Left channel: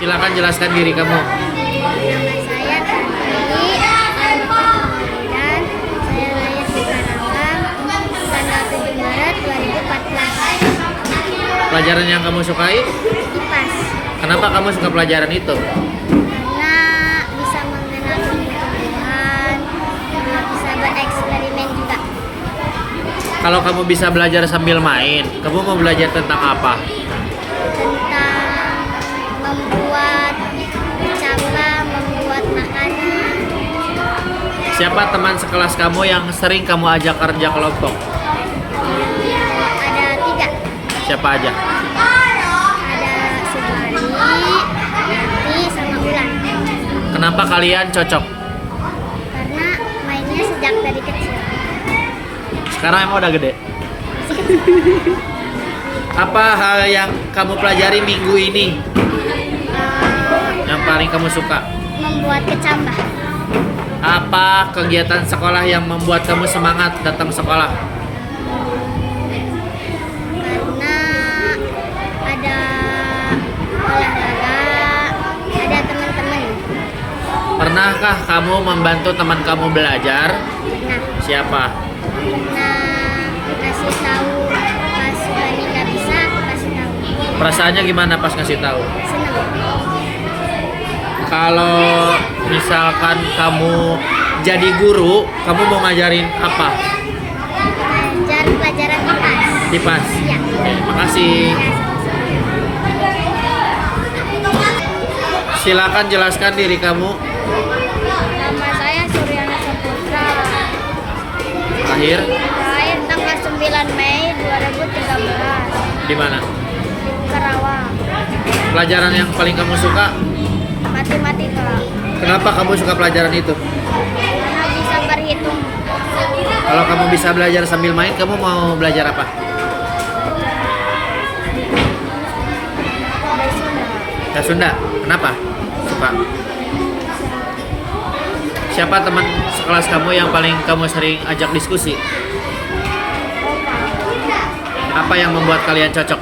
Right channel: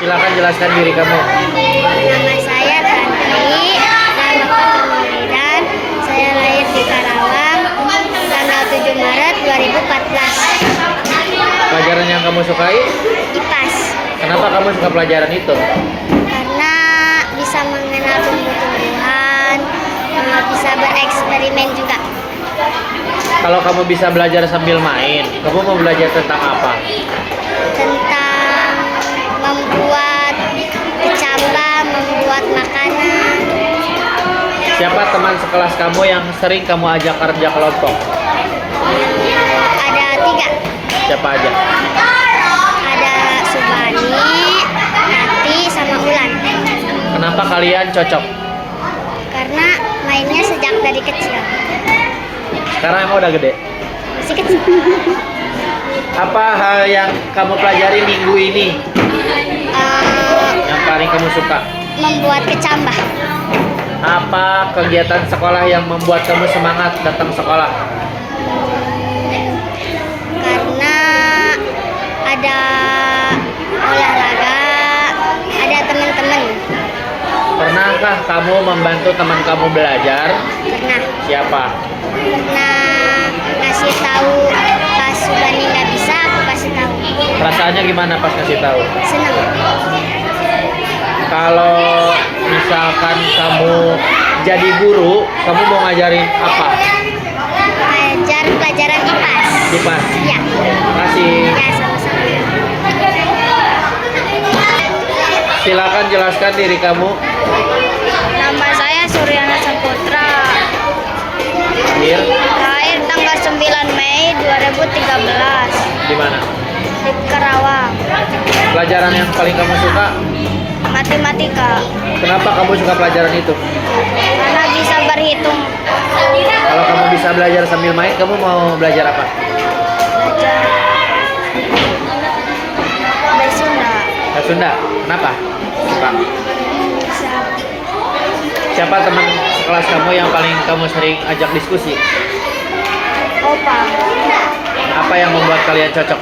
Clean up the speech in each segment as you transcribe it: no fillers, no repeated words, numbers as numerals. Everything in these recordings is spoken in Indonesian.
Silakan jelaskan diri kamu. Nama saya Tantri, nama Kemuliaan. Saya lahir di Karawang, tanggal 7 Maret 2014. Pelajaran yang kamu sukai? IPAS, Kenapa kamu suka pelajaran itu? karena bisa mengenal tumbuh-tumbuhan, bisa bereksperimen juga. Kalau kamu bisa belajar sambil main, kamu mau belajar tentang apa? Tentang membuat kecambah, membuat makanan. Siapa teman sekelas kamu yang sering kamu ajak kerja kelompok? Ada 3. Siapa aja? Ada Subani, Nati, sama Ulan. Kenapa kalian cocok? Karena mainnya sejak dari kecil. Sekarang emang udah gede. Masih kecil. Apa hal yang kamu pelajari minggu ini yang paling kamu suka? Membuat kecambah. Apa kegiatan sekolah yang membuat kamu semangat datang sekolah? Karena ada olahraga, ada teman-teman. Pernahkah kamu membantu teman kamu belajar? Pernah ngasih tahu pas Subani nggak bisa, aku kasih tahu. Perasaannya gimana pas ngasih tahu? Senang. Kalau misalkan kamu jadi guru, kamu mau ngajarin apa? Ajar pelajaran IPAS. IPAS. Ya. Terima kasih. Ya, sama-sama. Silakan jelaskan diri kamu. Nama saya Suryana Saputra. Lahir Lahir tanggal 9 Mei 2013 di mana? di Karawang. Pelajaran yang paling kamu suka? Matematika. Kenapa kamu suka pelajaran itu? Karena bisa berhitung. Kalau kamu bisa belajar sambil main, kamu mau belajar apa? Belajar bahasa Sunda. Bahasa Sunda. Kenapa? Suka. Bisa Siapa teman sekelas kamu yang paling kamu sering ajak diskusi? opa. Apa yang membuat kalian cocok?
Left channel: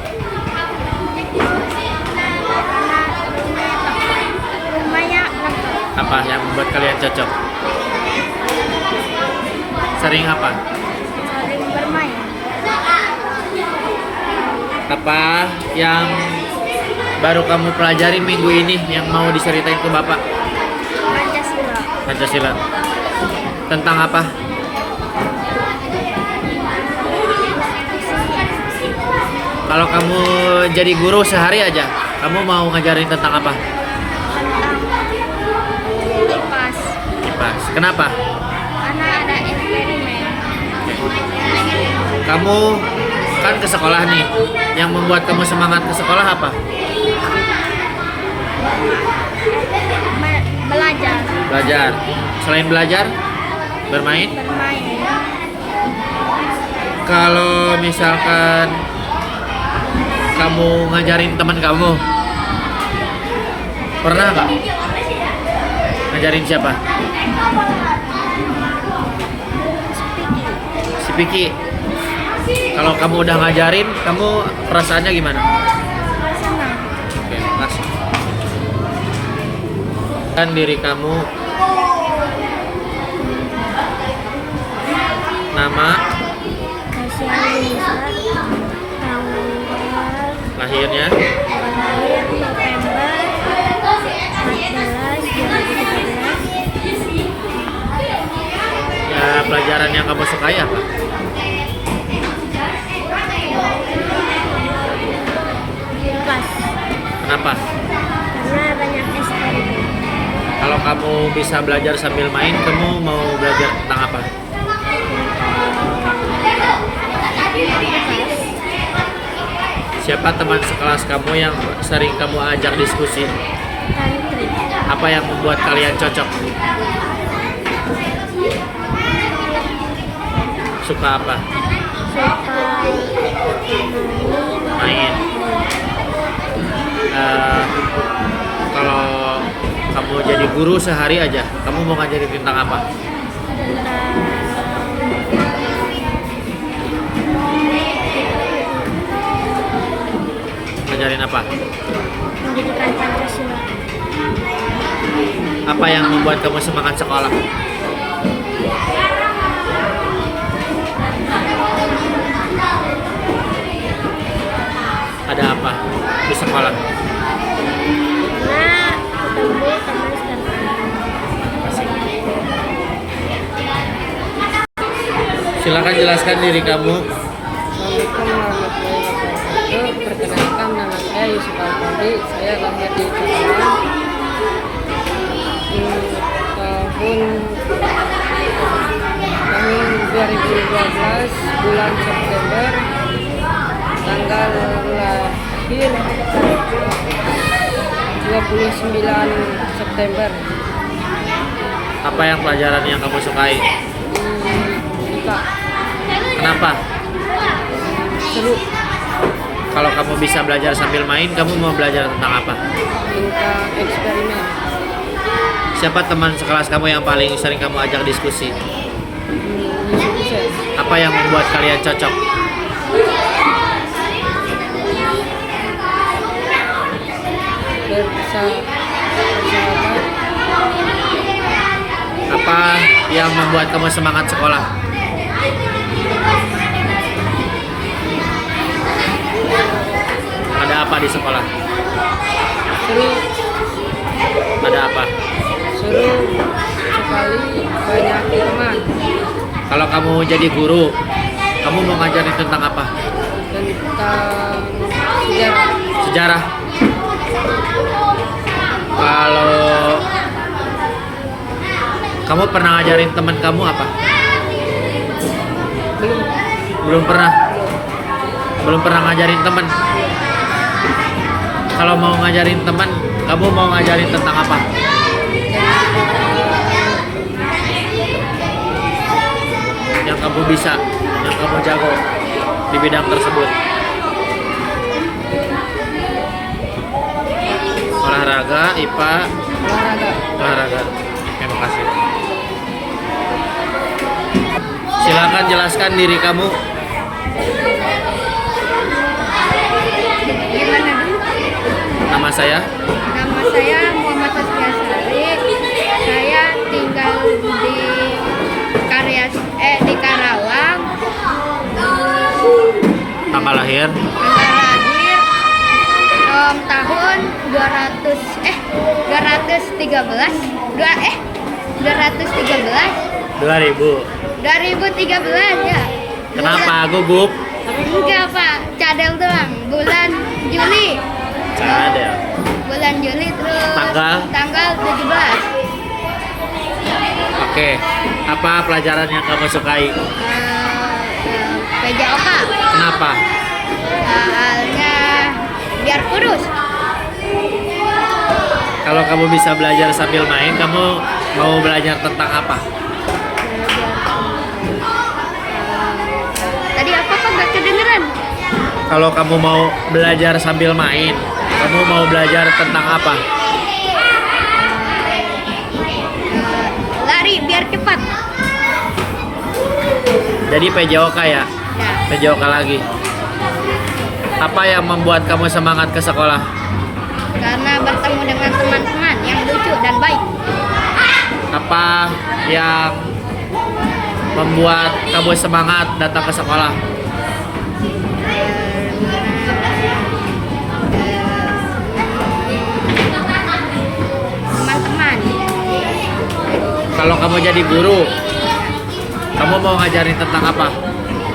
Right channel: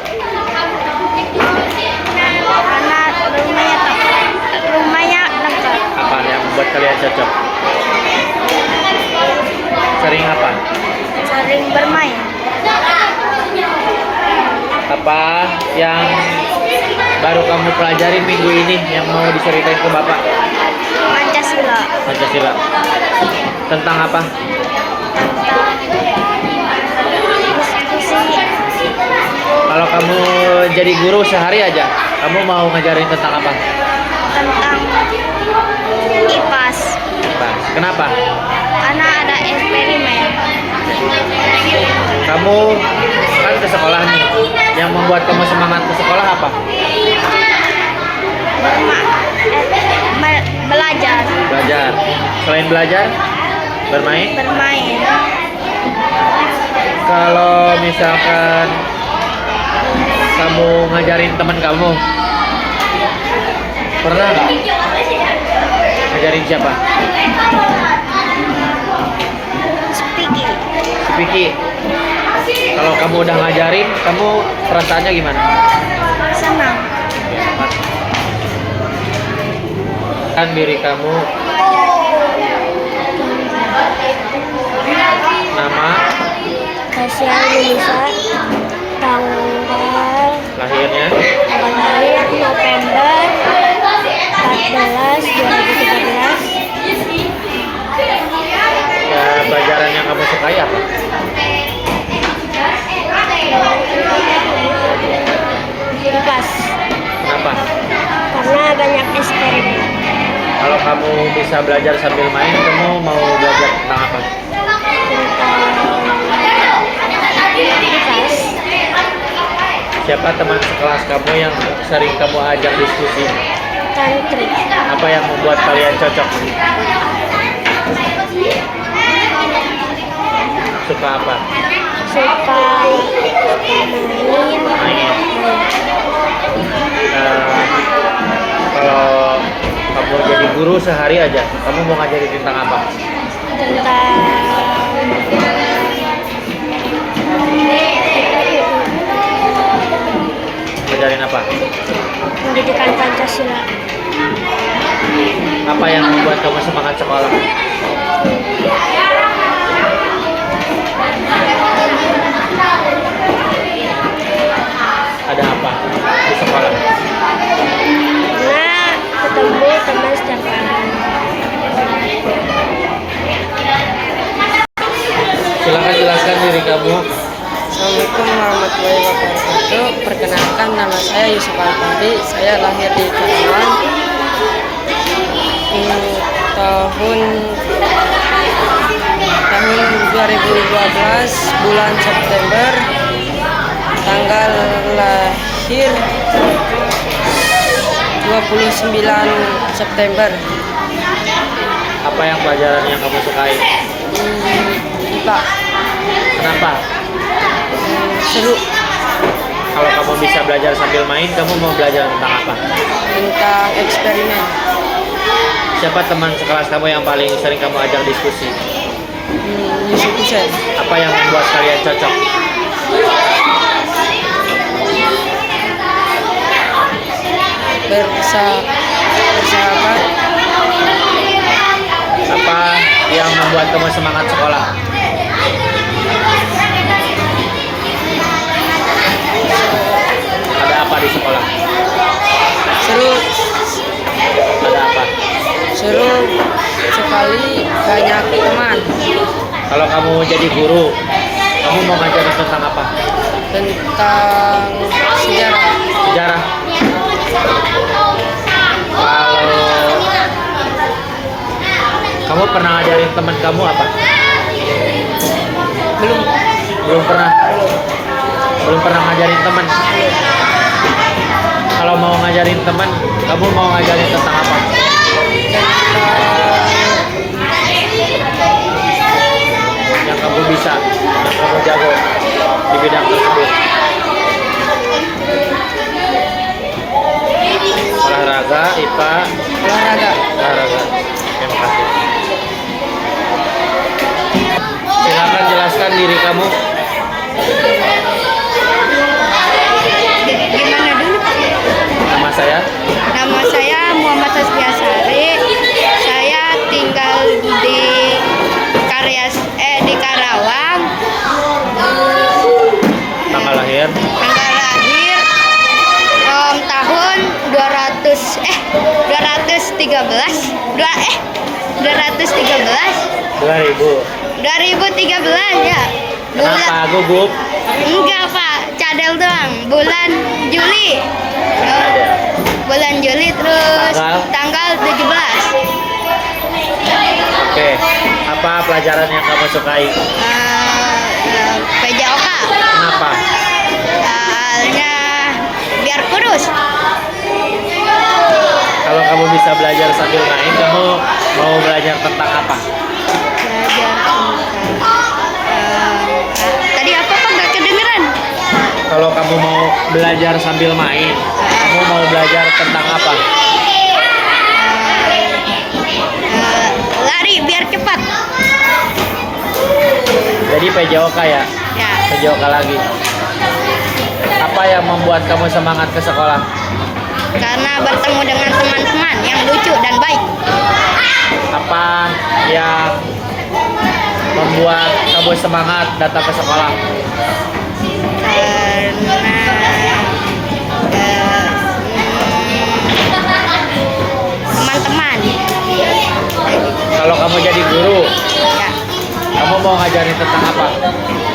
Karena rumahnya lengkap. Apa yang membuat kalian cocok? Sering apa? Sering bermain. Apa yang baru kamu pelajari minggu ini yang mau diceritain ke Bapak? Pancasila. Pancasila. Tentang apa? Diskusi Kalau kamu jadi guru sehari aja, kamu mau ngajarin tentang apa? tentang IPAS. Pas. Kenapa? Karena ada eksperimen. Kamu kan ke sekolah nih. Yang membuat kamu semangat ke sekolah apa? Belajar. Belajar. Selain belajar, bermain. Bermain. Kalau misalkan kamu ngajarin teman kamu, pernah nggak? Ngajarin siapa? Speaking. Si Piki. Kalau kamu udah ngajarin, kamu perasaannya gimana? Senang. Oke, makasih. Kan diri kamu, nama, Kasih Lisa. Tanggal lahirnya, lahir November 14 2013. pelajaran yang kamu sukai apa? IPAS. Kenapa? Karena banyak eksperimen. Kalau kamu bisa belajar sambil main, kamu mau belajar tentang apa? IPAS. Siapa teman sekelas kamu yang sering kamu ajak diskusi? Tantri. Apa yang membuat kalian cocok? Suka apa? Suka Main. Kalau kamu jadi guru sehari aja, kamu mau ngajarin tentang apa? tentang Ngajarin apa? pendidikan Pancasila. Apa yang membuat kamu semangat sekolah? Ada apa di sekolah? Karena ketemu teman setiap hari. Silakan jelaskan diri kamu. Assalamualaikum warahmatullahi wabarakatuh. Perkenalkan, nama saya Yusuf Alfari. Saya lahir di Karawang tahun 2012 bulan September. Tanggal lahir 29 September. Apa yang pelajaran yang kamu sukai? IPA. Kenapa? Seru. Kalau kamu bisa belajar sambil main, kamu mau belajar tentang apa? Tentang eksperimen. Siapa teman sekelas kamu yang paling sering kamu ajak diskusi? Yusuf Hussein. Apa yang membuat kalian cocok? Bersahabat. Apa yang membuat kamu semangat sekolah? Ada apa di sekolah? Seru. Ada apa? Seru sekali, banyak teman. Kalau kamu jadi guru, kamu mau ngajarin tentang apa? Tentang sejarah. Sejarah. Kalau kamu pernah ngajarin teman kamu apa? Belum. Belum pernah. Belum pernah ngajarin teman. Kalau mau ngajarin teman, kamu mau ngajarin tentang apa? Tentang Yang kamu bisa, yang kamu jago di bidang tersebut. Olahraga, IPA, olahraga. olahraga. Terima kasih. Silakan jelaskan diri kamu. Gimana dulu? Nama saya. Nama saya Muhammad Tasbiasari. Saya tinggal di di Karawang. Tanggal lahir. Tanggal lahir tahun 213 2000. 2013 ya. Kenapa gugup? Enggak Pak, cadel doang. Bulan Juli. Ada. Bulan Juli terus Tanggal? tanggal 17. Oke. Apa pelajaran yang kamu sukai? PJOK. Kenapa? Soalnya biar kurus. Kalau kamu bisa belajar sambil main, kamu mau belajar tentang apa? Belajar tentang tadi apa Pak? Gak kedengeran. Kalau kamu mau belajar sambil main, kamu mau belajar tentang apa? Lari biar cepat. Jadi PJOK ya? Ya. PJOK lagi. Apa yang membuat kamu semangat ke sekolah? Karena bertemu dengan teman-teman yang lucu dan baik. Apa yang membuat kamu semangat datang ke sekolah? Karena teman-teman. Kalau kamu jadi guru, Ya. kamu mau ngajarin tentang apa?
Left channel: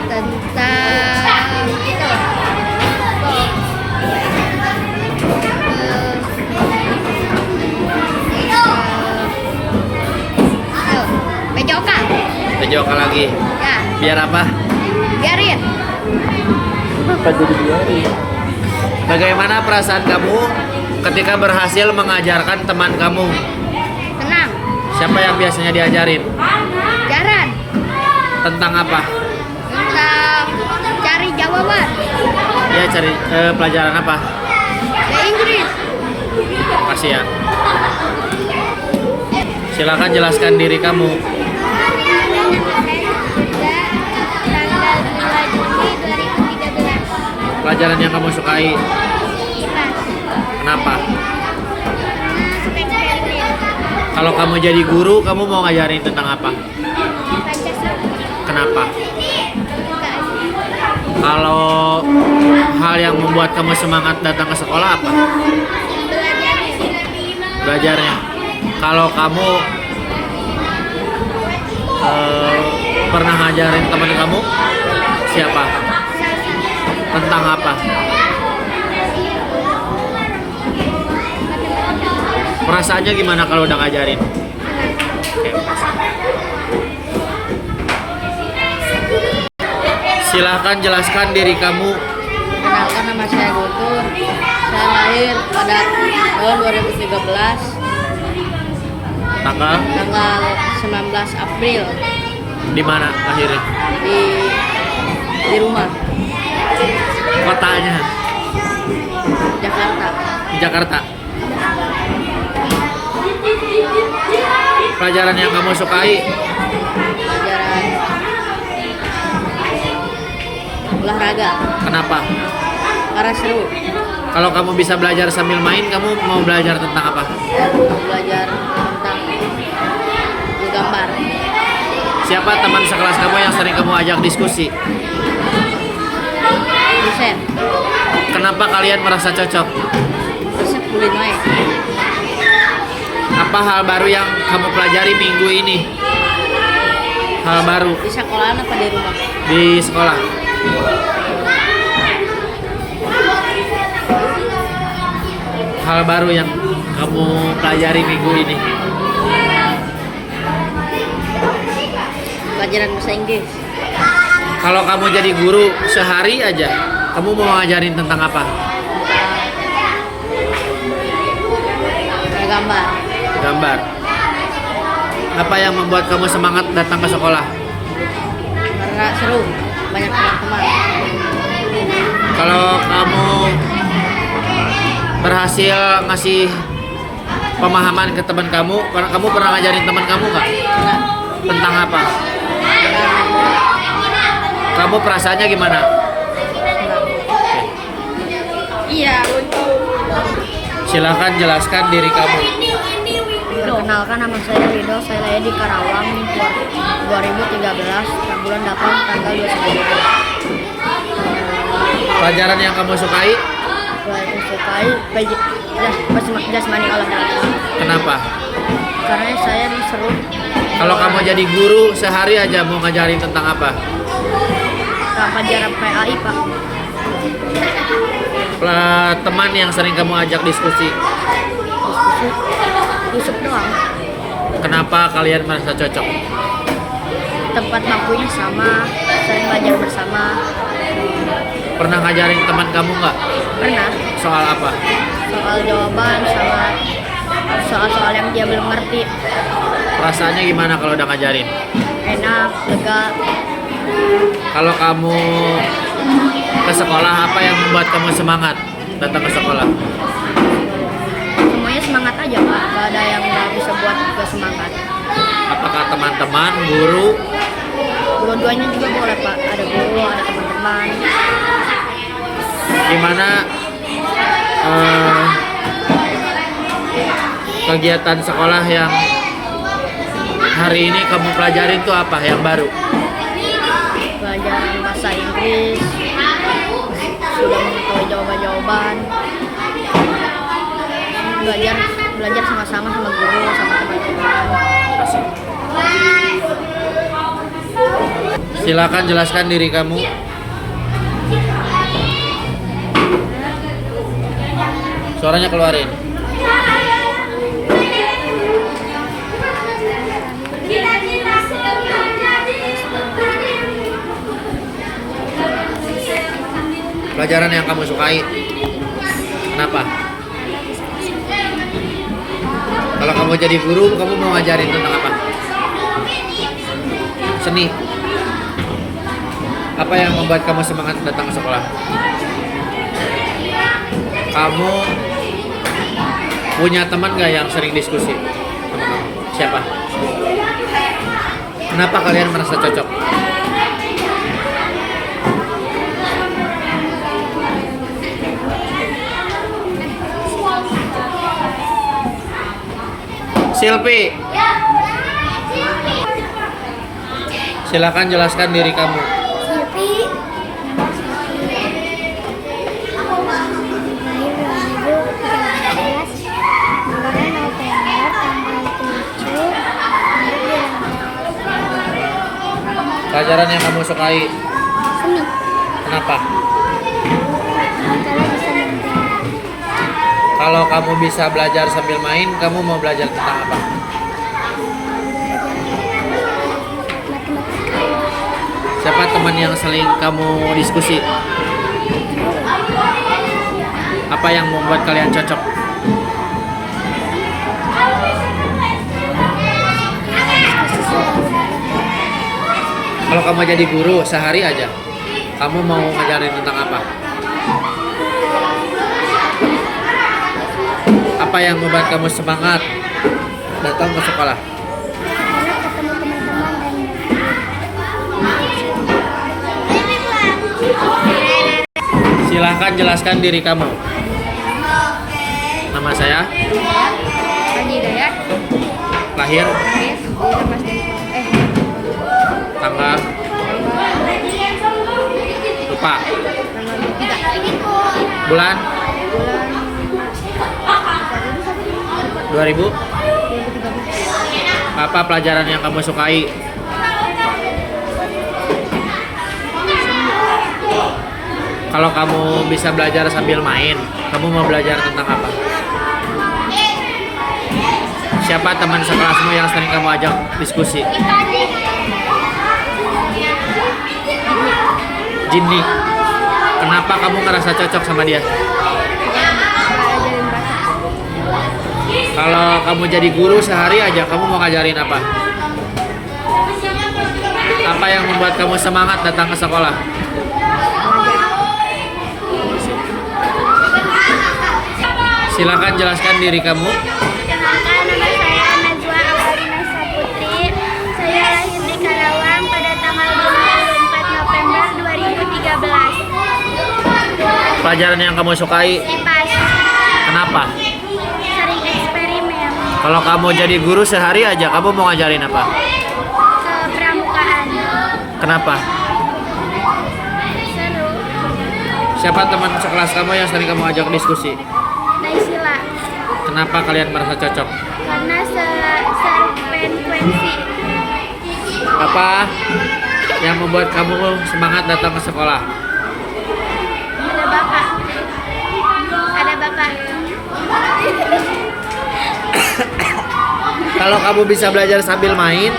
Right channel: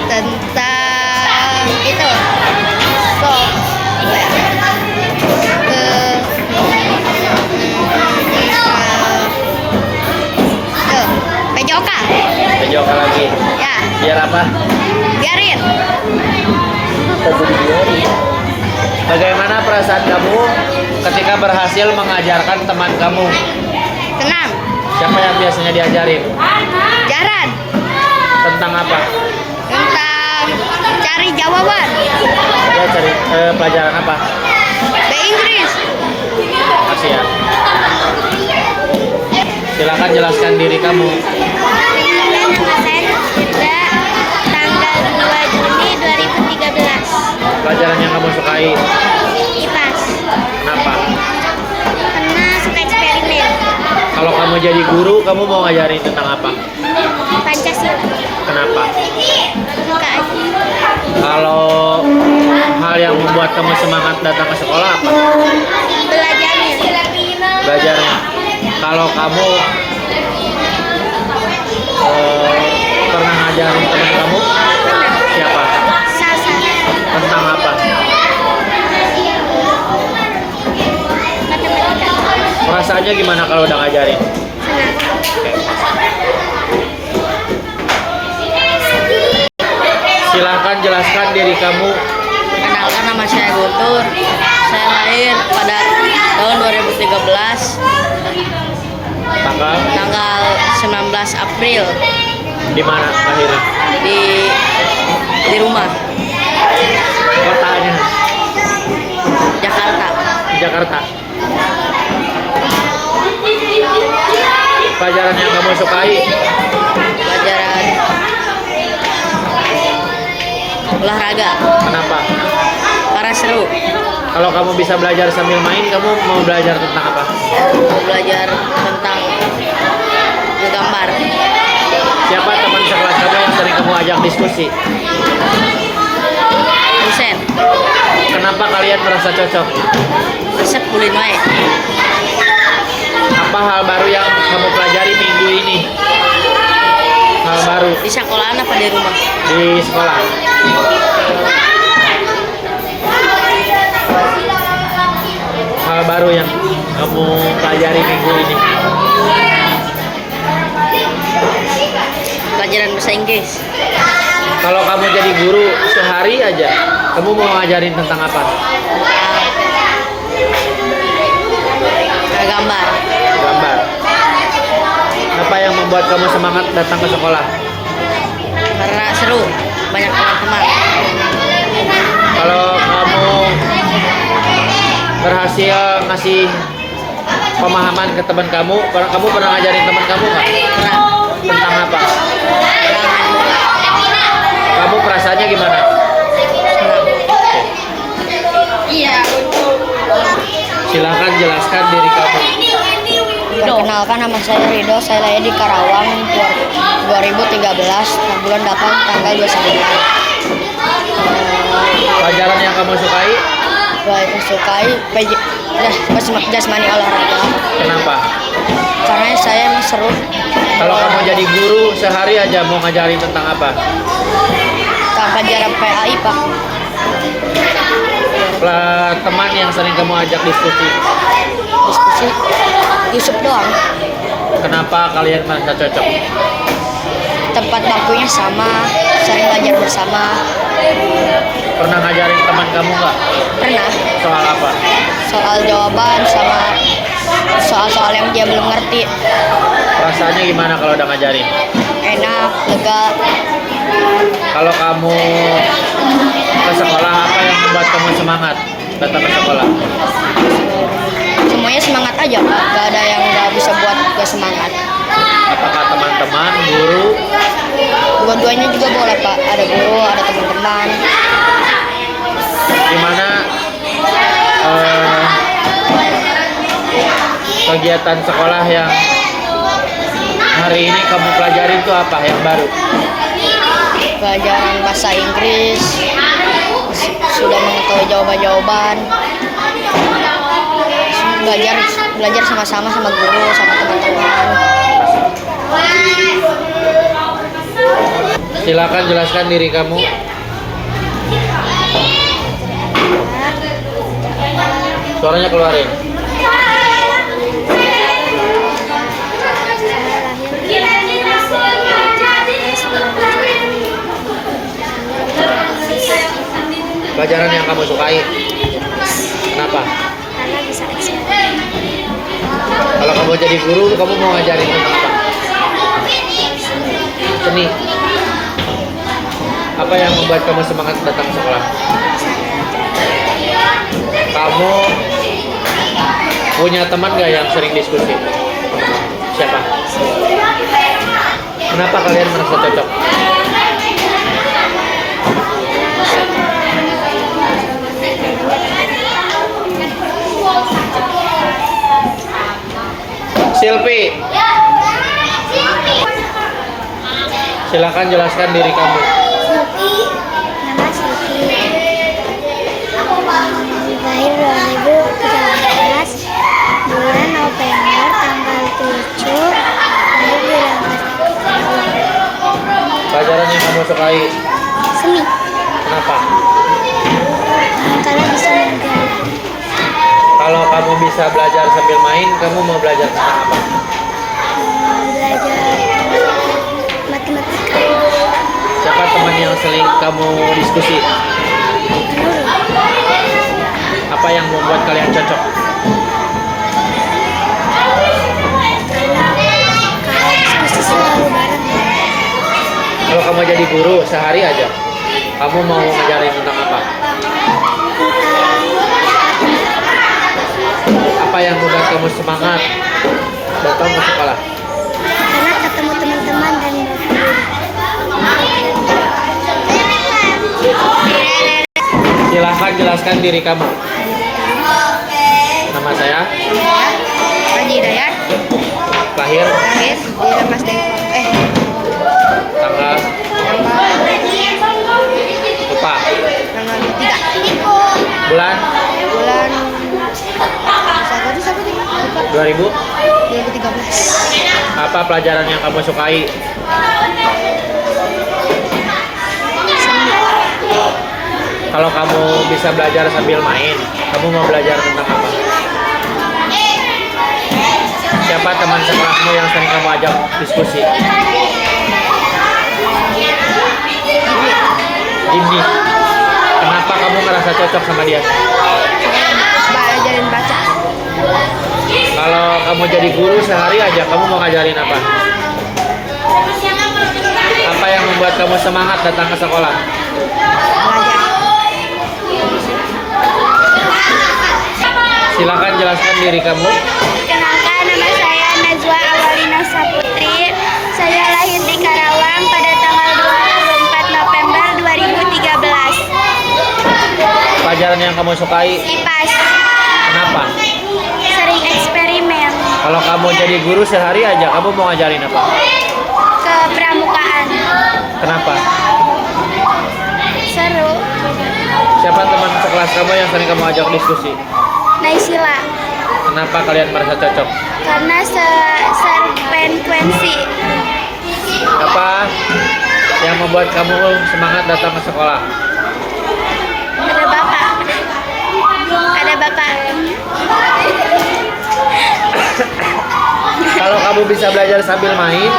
Tentang itu. Kok apa ya? PJOK. PJOK lagi. Ya, Biar apa? biarin. Bagaimana perasaan kamu ketika berhasil mengajarkan teman kamu? Tenang. Siapa yang biasanya diajarin? Jaran. Tentang apa? Tentang cari jawaban. Dia cari pelajaran apa? Bahasa Inggris. Kasih ya. Silakan jelaskan diri kamu. Nama saya Firda, tanggal 2 Juni 2013. Pelajaran yang kamu sukai. IPAS. Kenapa? Karena suka eksperimen. Kalau kamu jadi guru, kamu mau ngajarin tentang apa? Pancasila. Kenapa? Suka aja. Kalau hal yang membuat kamu semangat datang ke sekolah apa? Belajarnya. Belajarnya. Kalau kamu pernah ngajarin teman kamu? Siapa? Sasa. Tentang apa? Matematika. Perasaannya gimana kalau udah ngajarin? Senang. Oke. Silahkan jelaskan diri kamu. Perkenalkan, nama saya Guntur. Saya lahir pada tahun 2013, tanggal 19 April Di mana lahirnya? di rumah Kotanya? Jakarta. Di Jakarta. Pelajaran yang kamu sukai? Pelajaran olahraga Kenapa? karena seru. Kalau kamu bisa belajar sambil main, kamu mau belajar tentang apa? Mau belajar tentang menggambar. Siapa teman sekelas kamu yang sering kamu ajak diskusi? Dosen Kenapa kalian merasa cocok? resep kulin wae. Apa hal baru yang kamu pelajari minggu ini? Hal baru Di sekolahan apa di rumah? di sekolah? Hal baru yang kamu pelajari minggu ini? Pelajaran bahasa Inggris. Kalau kamu jadi guru sehari aja, kamu mau ngajarin tentang apa? Tentang gambar. Gambar. Apa yang membuat kamu semangat datang ke sekolah? Karena seru, banyak teman-teman. Kalau kamu berhasil ngasih pemahaman ke teman kamu pernah ngajarin teman kamu nggak? Pernah Tentang apa? pernah main bola. Kamu perasaannya gimana? Senang. Iya. Silahkan jelaskan diri kamu. Perkenalkan, nama saya Rido. Saya lahir di Karawang 2013, bulan 8 tanggal 29. Pelajaran yang kamu sukai? Saya sukai jasmani olahraga Kenapa? karena saya seru. Kalau kamu jadi guru sehari aja mau ngajarin tentang apa? Tentang pelajaran PAI, Pak. Teman yang sering kamu ajak diskusi. Diskusi Yusuf doang. Kenapa kalian merasa cocok? Tempat bangkunya sama, sering belajar bersama. Pernah ngajarin teman kamu nggak? Pernah Soal apa? soal jawaban sama soal-soal yang dia belum ngerti. Perasaannya gimana kalau udah ngajarin? Enak, lega. Kalau kamu ke sekolah, apa yang membuat kamu semangat datang ke sekolah? Semuanya semangat aja, Pak. Gak ada yang gak bisa buat gak semangat. Apakah teman-teman, guru? Dua-duanya juga boleh, Pak. Ada guru, ada teman-teman. Gimana kegiatan sekolah yang hari ini kamu pelajarin itu apa yang baru? Pelajaran bahasa Inggris, sudah mengetahui jawaban-jawaban. Belajar sama-sama sama guru, sama teman-teman. Silakan jelaskan diri kamu. Suaranya keluarin. Pelajaran yang kamu sukai. Kenapa? Karena bisa ekspresi. Kalau kamu jadi guru, kamu mau ngajarin tentang apa? Seni. Apa yang membuat kamu semangat datang ke sekolah? Kamu punya teman gak yang sering diskusi? Siapa? Kenapa kalian merasa cocok? Silvi, silakan jelaskan diri kamu. Silvi, nama Silvi. Lahir 2013, bulan November tanggal 7. Lahir di Rangkas. Pelajaran yang kamu sukai, Seni. kenapa? Kalau bisa menggambar. Kalau kamu bisa belajar sambil main, kamu mau belajar tentang apa? Belajar matematika. Siapa teman yang sering kamu diskusi? Nurul. Apa yang membuat kalian cocok? Kalau diskusi selalu bareng. Kalau kamu jadi guru sehari aja, kamu mau ngajarin tentang apa? Apa yang membuat kamu semangat datang ke sekolah? Karena ketemu teman-teman dan Silahkan jelaskan diri kamu. Nama saya, Saya Haji Hidayat, lahir, lahir di Rangkas Dengklok. tanggal, lupa, Tanggal 23 bulan, bulan Satu lupa 2000. 2013. Apa pelajaran yang kamu sukai? Kalau kamu bisa belajar sambil main, kamu mau belajar tentang apa? Siapa teman sekelasmu yang sering kamu ajak diskusi? Jinny. Kenapa kamu merasa cocok sama dia? Belajarin baca. Kalau kamu jadi guru sehari aja, kamu mau ngajarin apa? Apa yang membuat kamu semangat datang ke sekolah? Belajar. Silakan jelaskan diri kamu. Kenalkan, nama saya Najwa Awalina Saputri. Saya lahir di Karawang pada tanggal 24 November 2013. Pelajaran yang kamu sukai, IPAS. kenapa? Sering eksperimen. Kalau kamu jadi guru sehari aja, kamu mau ngajarin apa? Kepramukaan. Kenapa? Seru. Siapa teman sekelas kamu yang sering kamu ajak diskusi? Naisila. Kenapa kalian merasa cocok? Karena serfrekuensi. Apa yang membuat kamu semangat datang ke sekolah? Ada bapak. Ada bapak. Kalau kamu bisa belajar sambil main,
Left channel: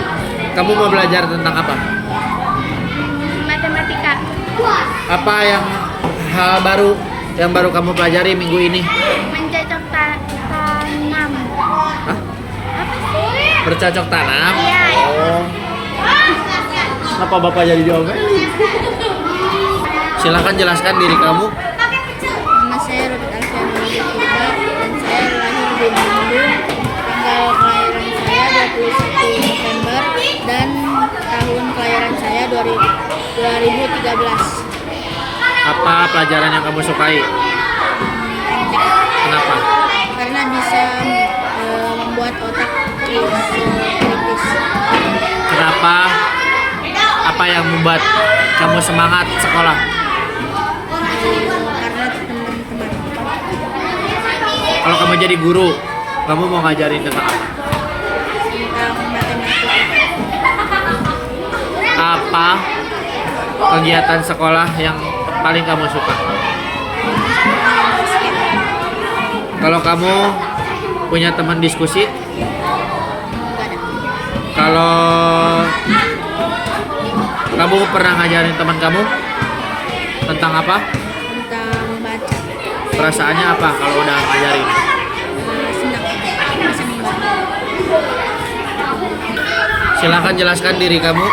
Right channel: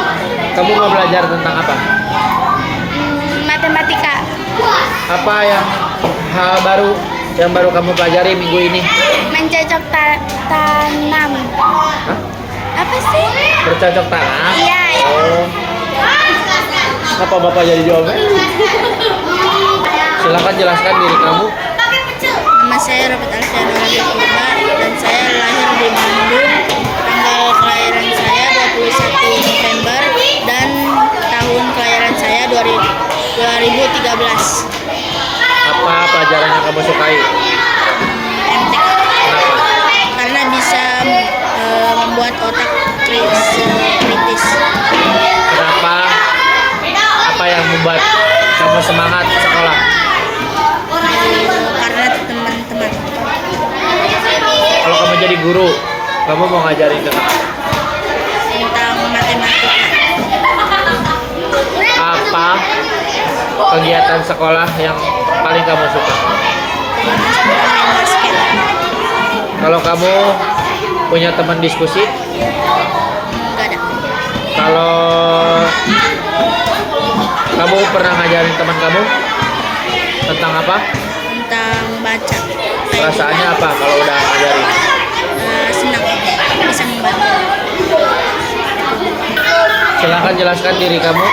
kamu mau belajar tentang apa? Matematika. Apa yang hal baru yang baru kamu pelajari minggu ini? Mencocok tanam. Hah? Apa sih? Bercocok tanam? Iya. Oh. Kenapa bapak jadi jawabnya? Silakan jelaskan diri kamu. Nama saya Robert Alfianura Purba dan saya lahir di Bandung. Tanggal kelahiran saya 21 November dan tahun kelahiran saya 2013. Apa pelajaran yang kamu sukai? MTK. Kenapa? Karena bisa membuat otak kritis. Kenapa? Apa yang membuat kamu semangat sekolah? Karena teman-teman. Kalau kamu jadi guru, kamu mau ngajarin tentang apa? Tentang matematika. Apa kegiatan sekolah yang paling kamu suka? Main basket. Kalau kamu punya teman diskusi, Enggak ada. kalau kamu pernah ngajarin teman kamu tentang apa? Tentang baca. Perasaannya apa kalau udah ngajarin? Senang bisa membantu. Silahkan jelaskan diri kamu.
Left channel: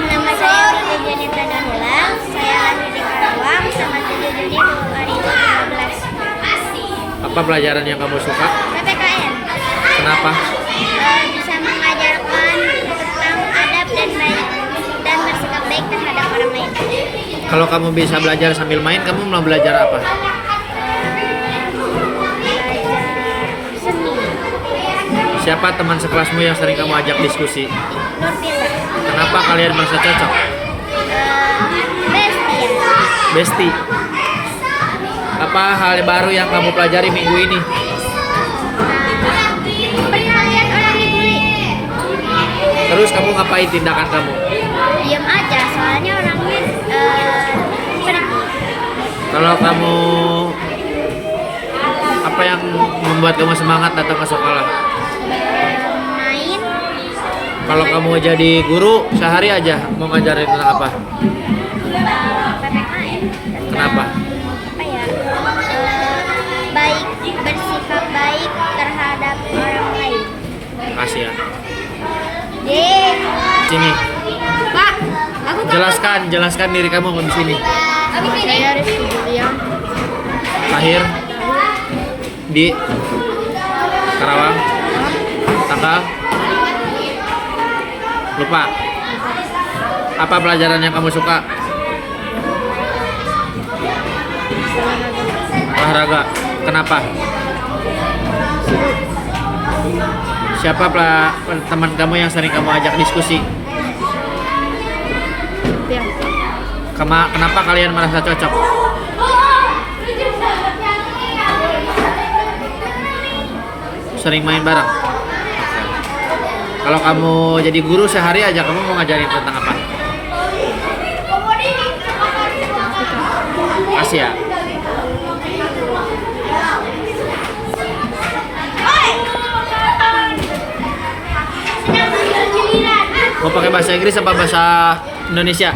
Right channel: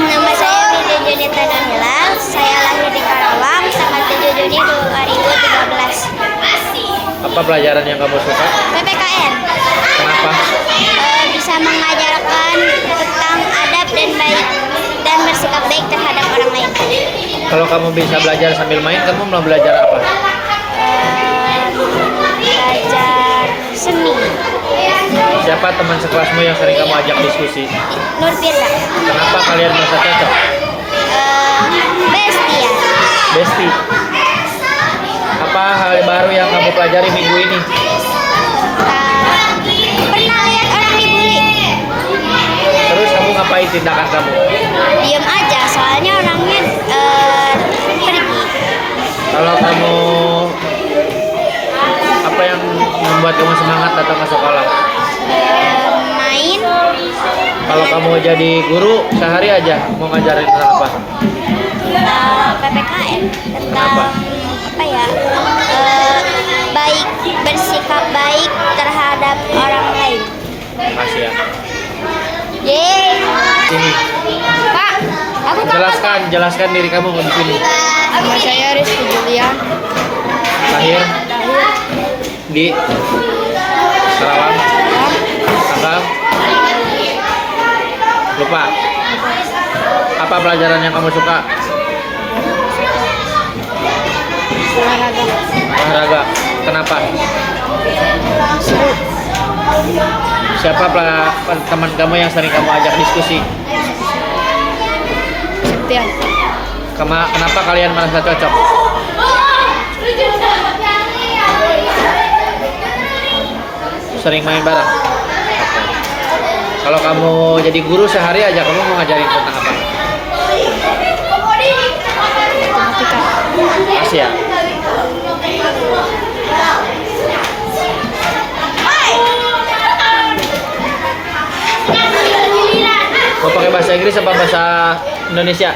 Nama saya Widi Junita Danila. Saya lahir di Karawang tanggal 7 Juni 2013. Apa pelajaran yang kamu suka? PPKN. Kenapa? Bisa mengajarkan tentang adab dan baik dan bersikap baik terhadap orang lain. Kalau kamu bisa belajar sambil main, kamu mau belajar apa? Belajar seni. Siapa teman sekelasmu yang sering kamu ajak diskusi? Nur Firda. Kenapa kalian merasa cocok? Bestia. Besti. Apa hal baru yang kamu pelajari minggu ini? Pernah lihat orang dibully? Terus kamu ngapain tindakan kamu? Diam aja, soalnya orangnya pergi. Kalau kamu apa yang membuat kamu semangat datang ke sekolah? Main. Kalau kamu jadi guru sehari aja mau ngajarin tentang apa? PPKN tentang Kenapa? apa ya? Baik, bersikap baik terhadap orang lain. Makasih ya. Yeay. Sini. Pak, aku Jelaskan diri kamu di sini. Nama saya Rizky Julian. Lahir di Karawang. Tanggal? Lupa. Apa pelajaran yang kamu suka? Olahraga. Olahraga. Kenapa? Seru. Siapa teman kamu yang sering kamu ajak diskusi? Septian. Kenapa kalian merasa cocok? Sering main bareng? Oke. Kalau kamu jadi guru sehari aja kamu mau ngajarin tentang apa? Matematika. Makasih ya. Mau pakai bahasa Inggris apa bahasa Indonesia?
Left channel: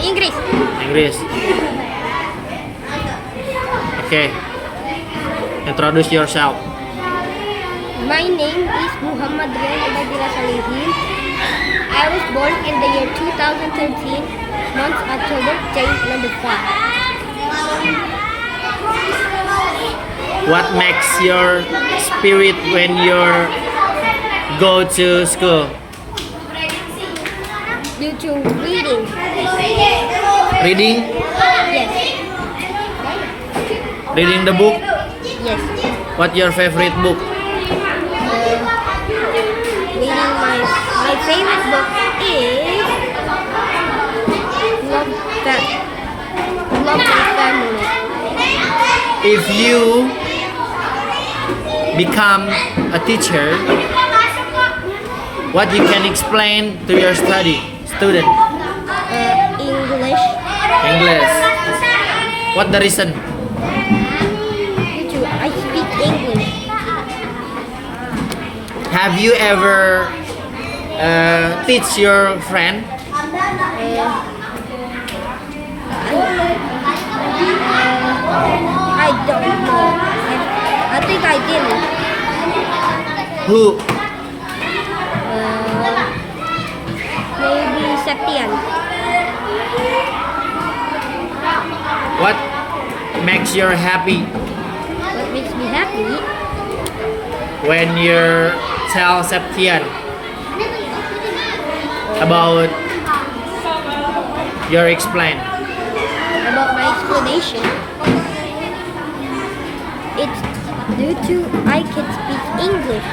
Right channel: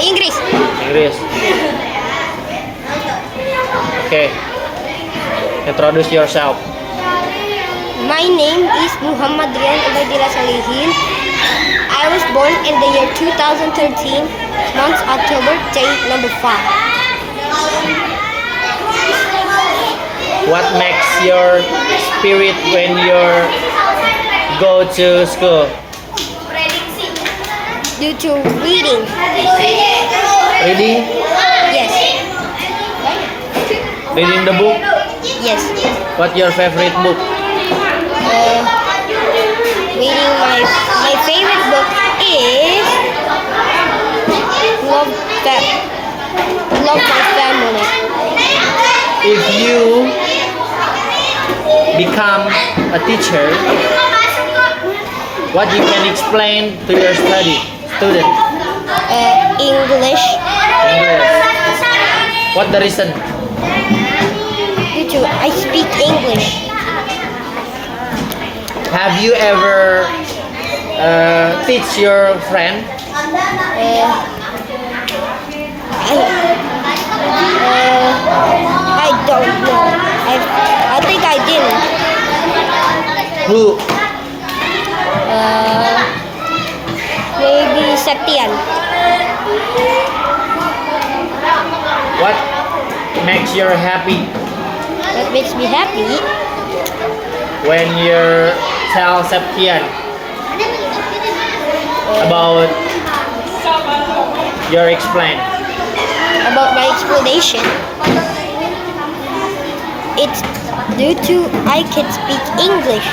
Inggris. Inggris. Oke. Introduce yourself. My name is Muhammad Rian Ubaidillah Salihin. I was born in the year 2013, month October, day number 5. What makes your spirit when you go to school? Due to reading. Reading? Yes. Reading the book? Yes. What your favorite book? Reading my favorite book is Love My Family. If you become a teacher, what you can explain to your student? English. English. What the reason? Due to I speak English. Have you ever teach your friend? I don't know. I think I didn't. Who? Maybe Septian. What makes you happy What makes me happy? when you tell Septian about your explain? About my explanation. It's due to I can speak English.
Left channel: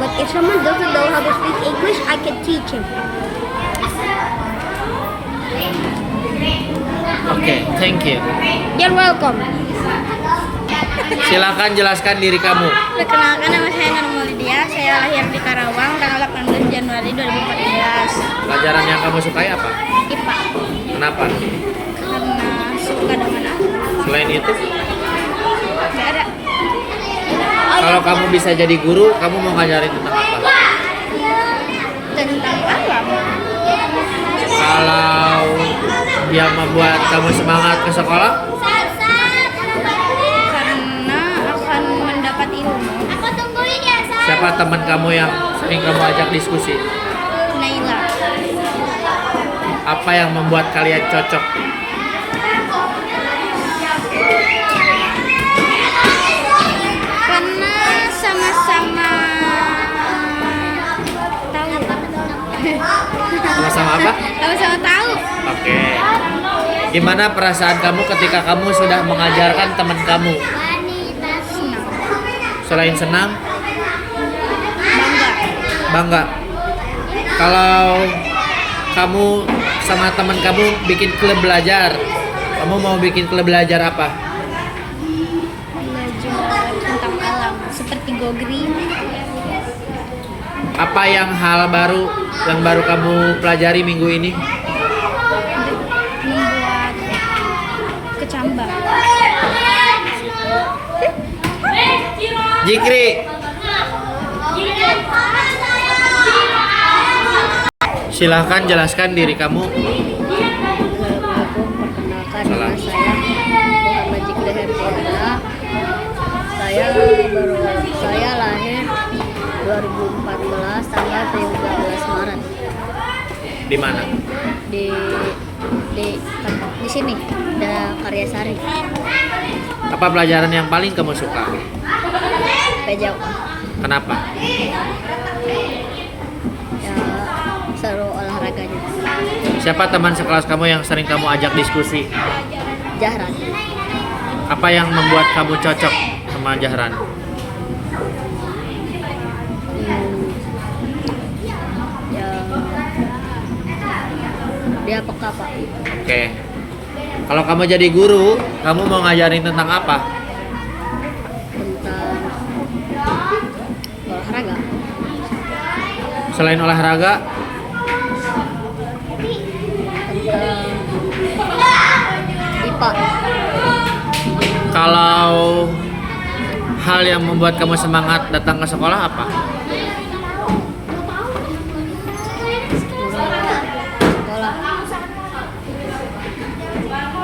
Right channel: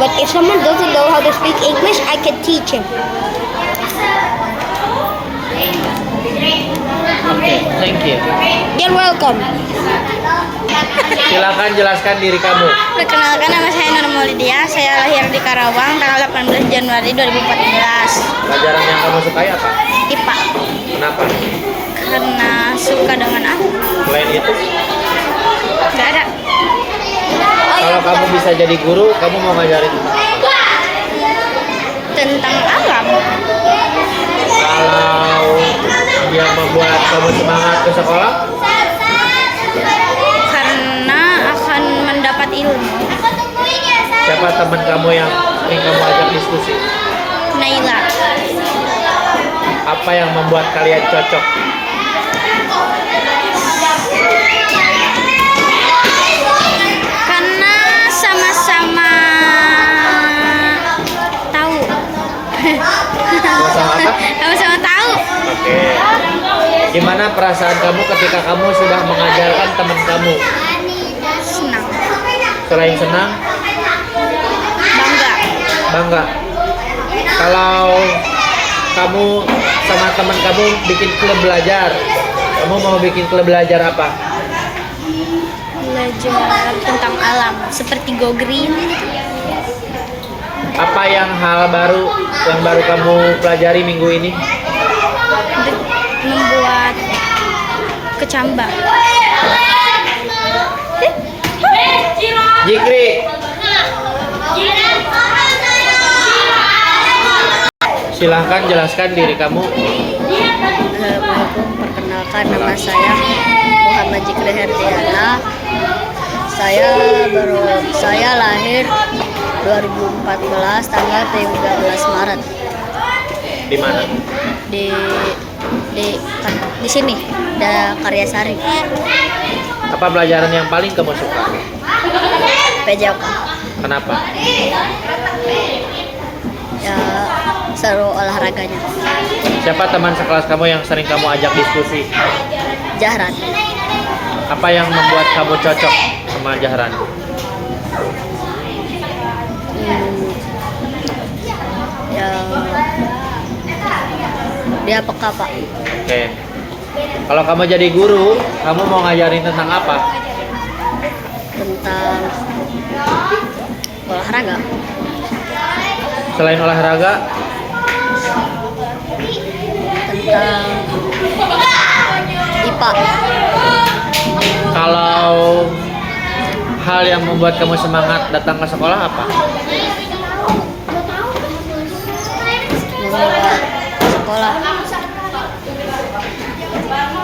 But if someone doesn't know how to speak English, I can teach him. Okay, thank you. You're welcome. Silakan jelaskan diri kamu. Perkenalkan, nama saya Nur Maulidia. Saya lahir di Karawang tanggal 18 Januari 2014. Pelajaran yang kamu sukai apa? IPA. Kenapa? Karena suka dengan aku. Selain itu, Nggak ada. kalau kamu bisa jadi guru, kamu mau ngajarin tentang apa? Tentang alam. Kalau yang membuat kamu semangat ke sekolah, Karena akan mendapat ilmu. siapa teman kamu yang sering kamu ajak diskusi? Naila. Apa yang membuat kalian cocok? Karena sama-sama tahu. Sama-sama apa? Sama-sama tahu. Oke. Gimana perasaan kamu ketika kamu sudah mengajarkan teman kamu? Senang. Selain senang, Bangga. bangga. Kalau kamu sama teman kamu bikin klub belajar, kamu mau bikin klub belajar apa? Belajar tentang alam seperti Go Green. Apa yang hal baru yang baru kamu pelajari minggu ini? Membuat kecambah. Jikri, silahkan jelaskan diri kamu. Assalamualaikum, perkenalkan nama saya Muhammad Jikri Herdiana. Saya lahir 2014 tanggal 13 Maret Di mana? di sini ada Karyasari. Apa pelajaran yang paling kamu suka? PJK. Kenapa? Ya seru olahraganya. Siapa teman sekelas kamu yang sering kamu ajak diskusi? Jahran. Apa yang membuat kamu cocok sama Jahran? Ya dia peka, Pak. Oke. Kalau kamu jadi guru, kamu mau ngajarin tentang apa? Tentang olahraga. Selain olahraga, Tentang IPA. kalau hal yang membuat kamu semangat datang ke sekolah apa? Membuat sekolah.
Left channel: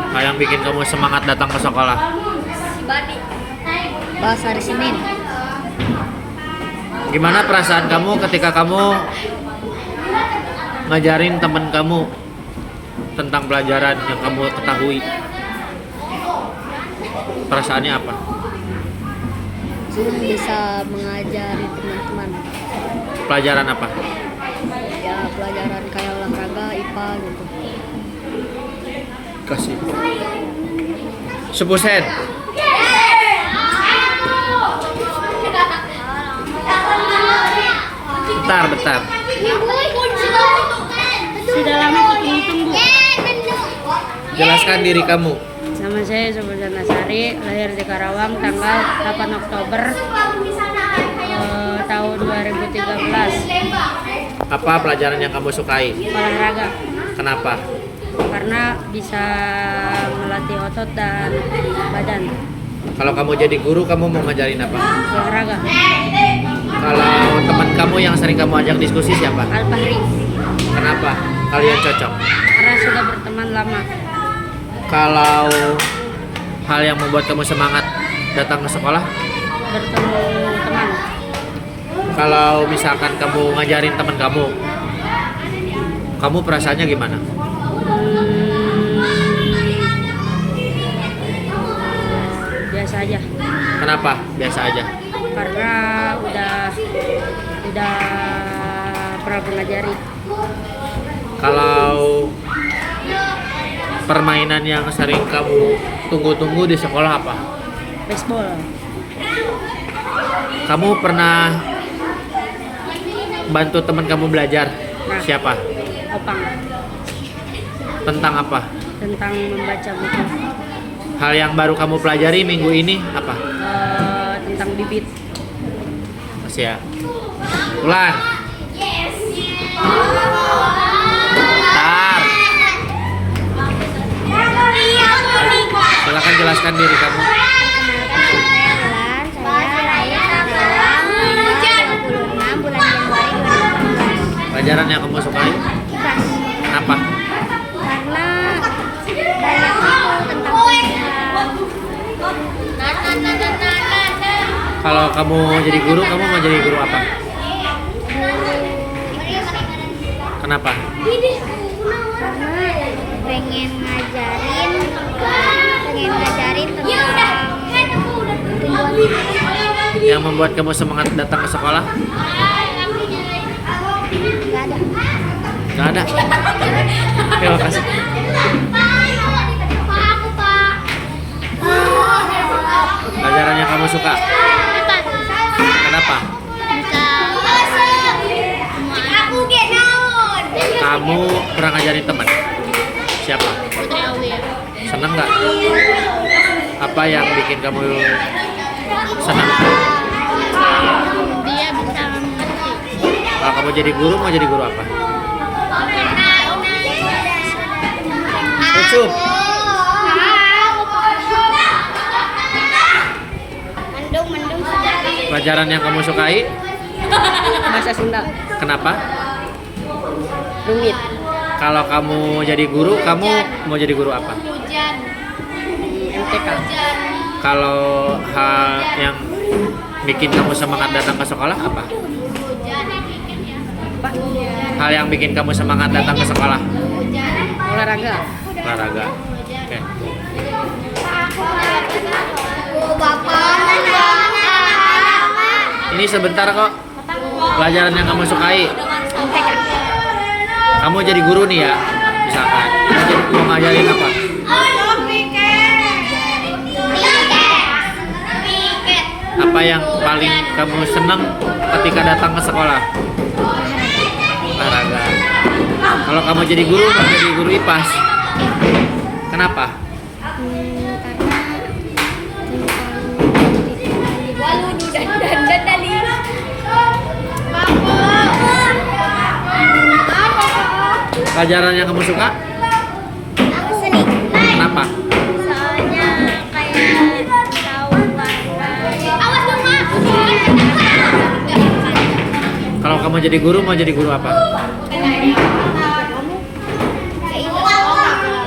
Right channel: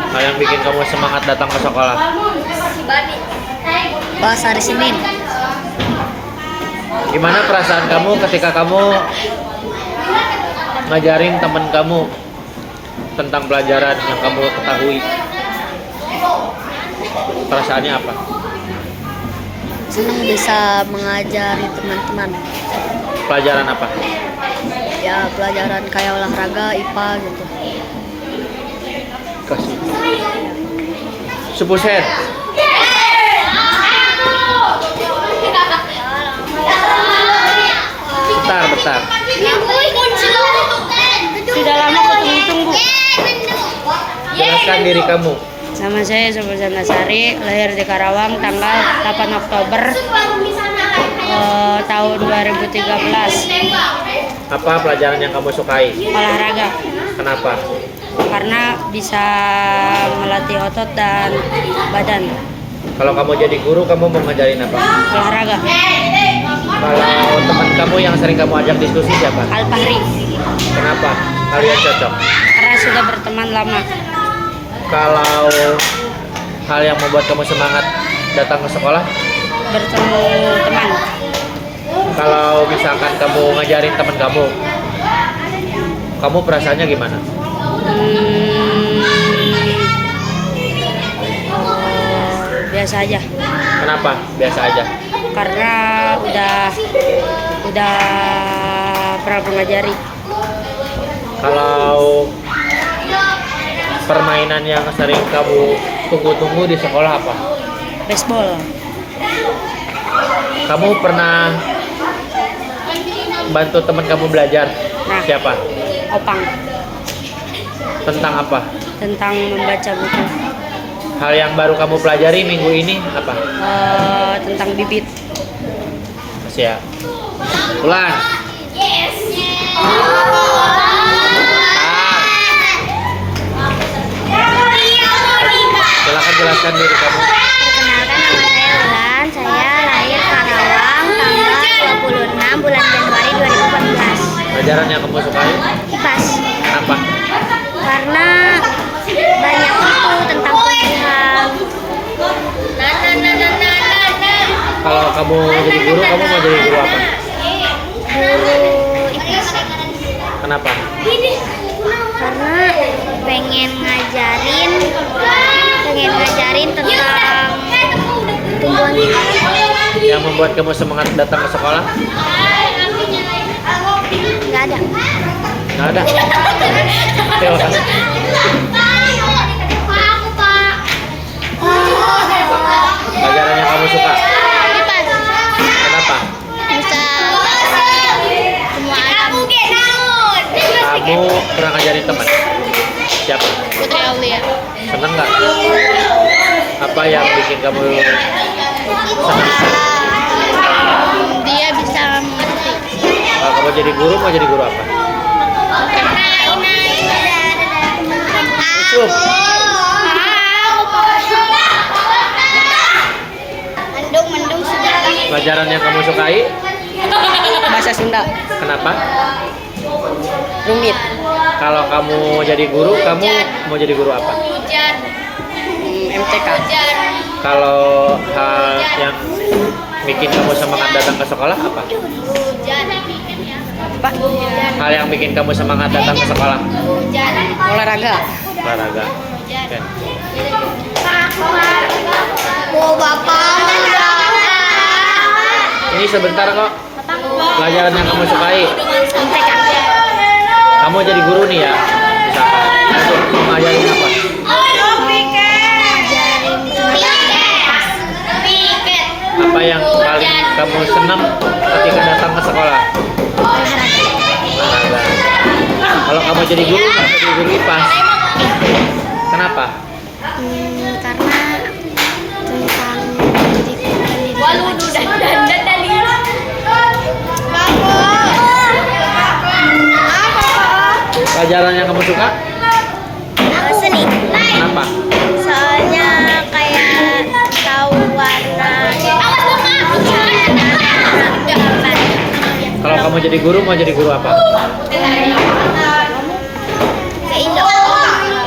Hal yang bikin kamu semangat datang ke sekolah? Pas hari Senin. Gimana perasaan kamu ketika kamu ngajarin temen kamu tentang pelajaran yang kamu ketahui? Perasaannya apa? Senang bisa mengajari teman-teman. Pelajaran apa? Ya pelajaran kayak olahraga, IPA gitu. Kasih. Sepusen. Bentar. Sudah lama ketemu-tunggu. Jelaskan diri kamu. Nama saya Subusan Nasari, lahir di Karawang tanggal 8 Oktober tahun 2013. Apa pelajaran yang kamu sukai? Olahraga. Kenapa? Karena bisa melatih otot dan badan. Kalau kamu jadi guru, kamu mau ngajarin apa? Olahraga. Kalau teman kamu yang sering kamu ajak diskusi siapa? Al-Fahri. Kenapa? Kalian cocok. Karena sudah berteman lama. Kalau hal yang membuat kamu semangat datang ke sekolah, Bertemu teman. kalau misalkan kamu ngajarin teman kamu perasaannya gimana? Biasa aja. Kenapa? Biasa aja. Karena udah pernah mengajari. Kalau permainan yang sering kamu tunggu-tunggu di sekolah apa? Baseball. Kamu pernah bantu teman kamu belajar? Nah. Siapa? Opang. Tentang apa? Tentang membaca buku. Hal yang baru kamu pelajari minggu ini apa? Tentang bibit. Masih ya. Ulan. Silakan jelaskan diri kamu. Perkenalkan, nama saya Ulan. Saya lahir Karawang tanggal 26 bulan Januari 2014. Pelajaran yang kamu sukai? IPAS. Kenapa? Karena banyak itu tentang tumbuhan. Kalau kamu jadi guru, kamu mau jadi guru apa? Guru IPAS. Kenapa? Karena pengen ngajarin tentang tumbuhan gitu. Yang membuat kamu semangat datang ke sekolah? Nggak ada. Nggak ada. Terima kasih. Pelajaran yang kamu suka? IPAS. Siapa? Putri Aulia. Seneng nggak? Apa yang bikin kamu senang? Dia bisa mengerti. Kalau kamu jadi guru, mau jadi guru apa? Ucup. Mendung sudah. Pelajaran yang kamu sukai? Bahasa Sunda. Kenapa? Rumit. Kalau kamu jadi guru, kamu mau jadi guru apa? Hujan. MTK. Kalau hal yang bikin kamu semangat datang ke sekolah apa? Hujan. Apa? Hal yang bikin kamu semangat datang ke sekolah? Hujan. Olahraga. Olahraga. Oke. Oh, Bapak. Ini sebentar kok. Pelajaran yang kamu sukai. MTK. Kamu jadi guru nih ya, misalkan. Kamu ngajarin apa? Apa yang paling kamu senang ketika datang ke sekolah? Olahraga. Kalau kamu jadi guru IPAS. Kenapa? Karena tentang pendidikan Pelajaran yang kamu suka? seni. Kenapa? Soalnya kayak tahu warna. Kalau kamu jadi guru, mau jadi guru apa?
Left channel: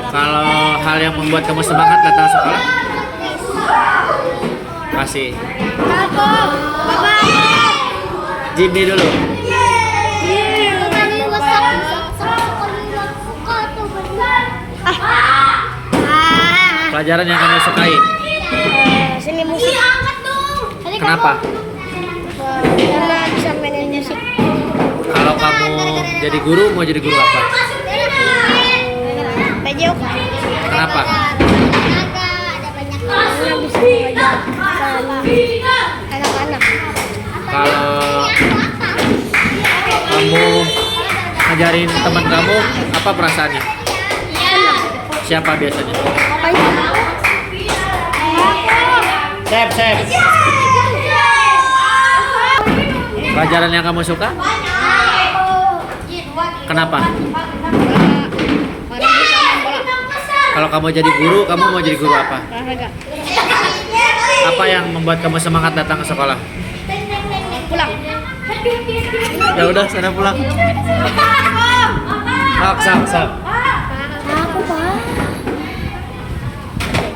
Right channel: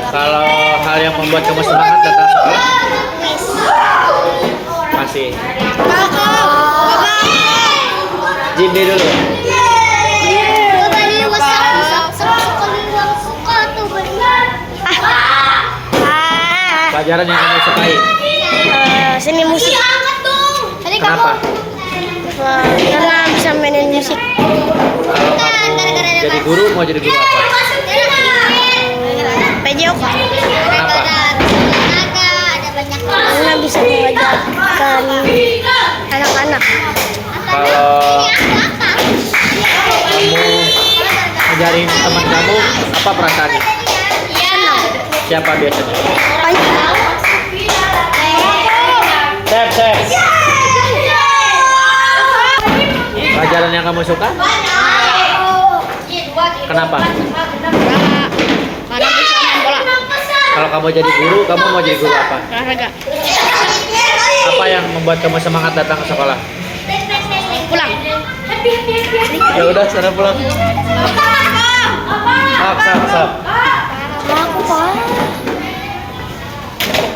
Kalau hal yang membuat kamu semangat datang sekolah? Masih. Jimmy dulu. Pelajaran yang kamu sukai? Seni musik. Kenapa? Karena bisa mainin musik. Kalau kamu jadi guru, mau jadi guru apa? PJOK. Kenapa? Karena bisa mengajarkan anak-anak. Kalau kamu ngajarin teman kamu, apa perasaannya? Siapa biasanya? Sep. Pelajaran yang kamu suka? Kenapa? Karena bisa main bola. Kalau kamu jadi guru, kamu mau jadi guru apa? Olahraga. Apa yang membuat kamu semangat datang ke sekolah? Pulang. Ya udah, sudah pulang. Sap.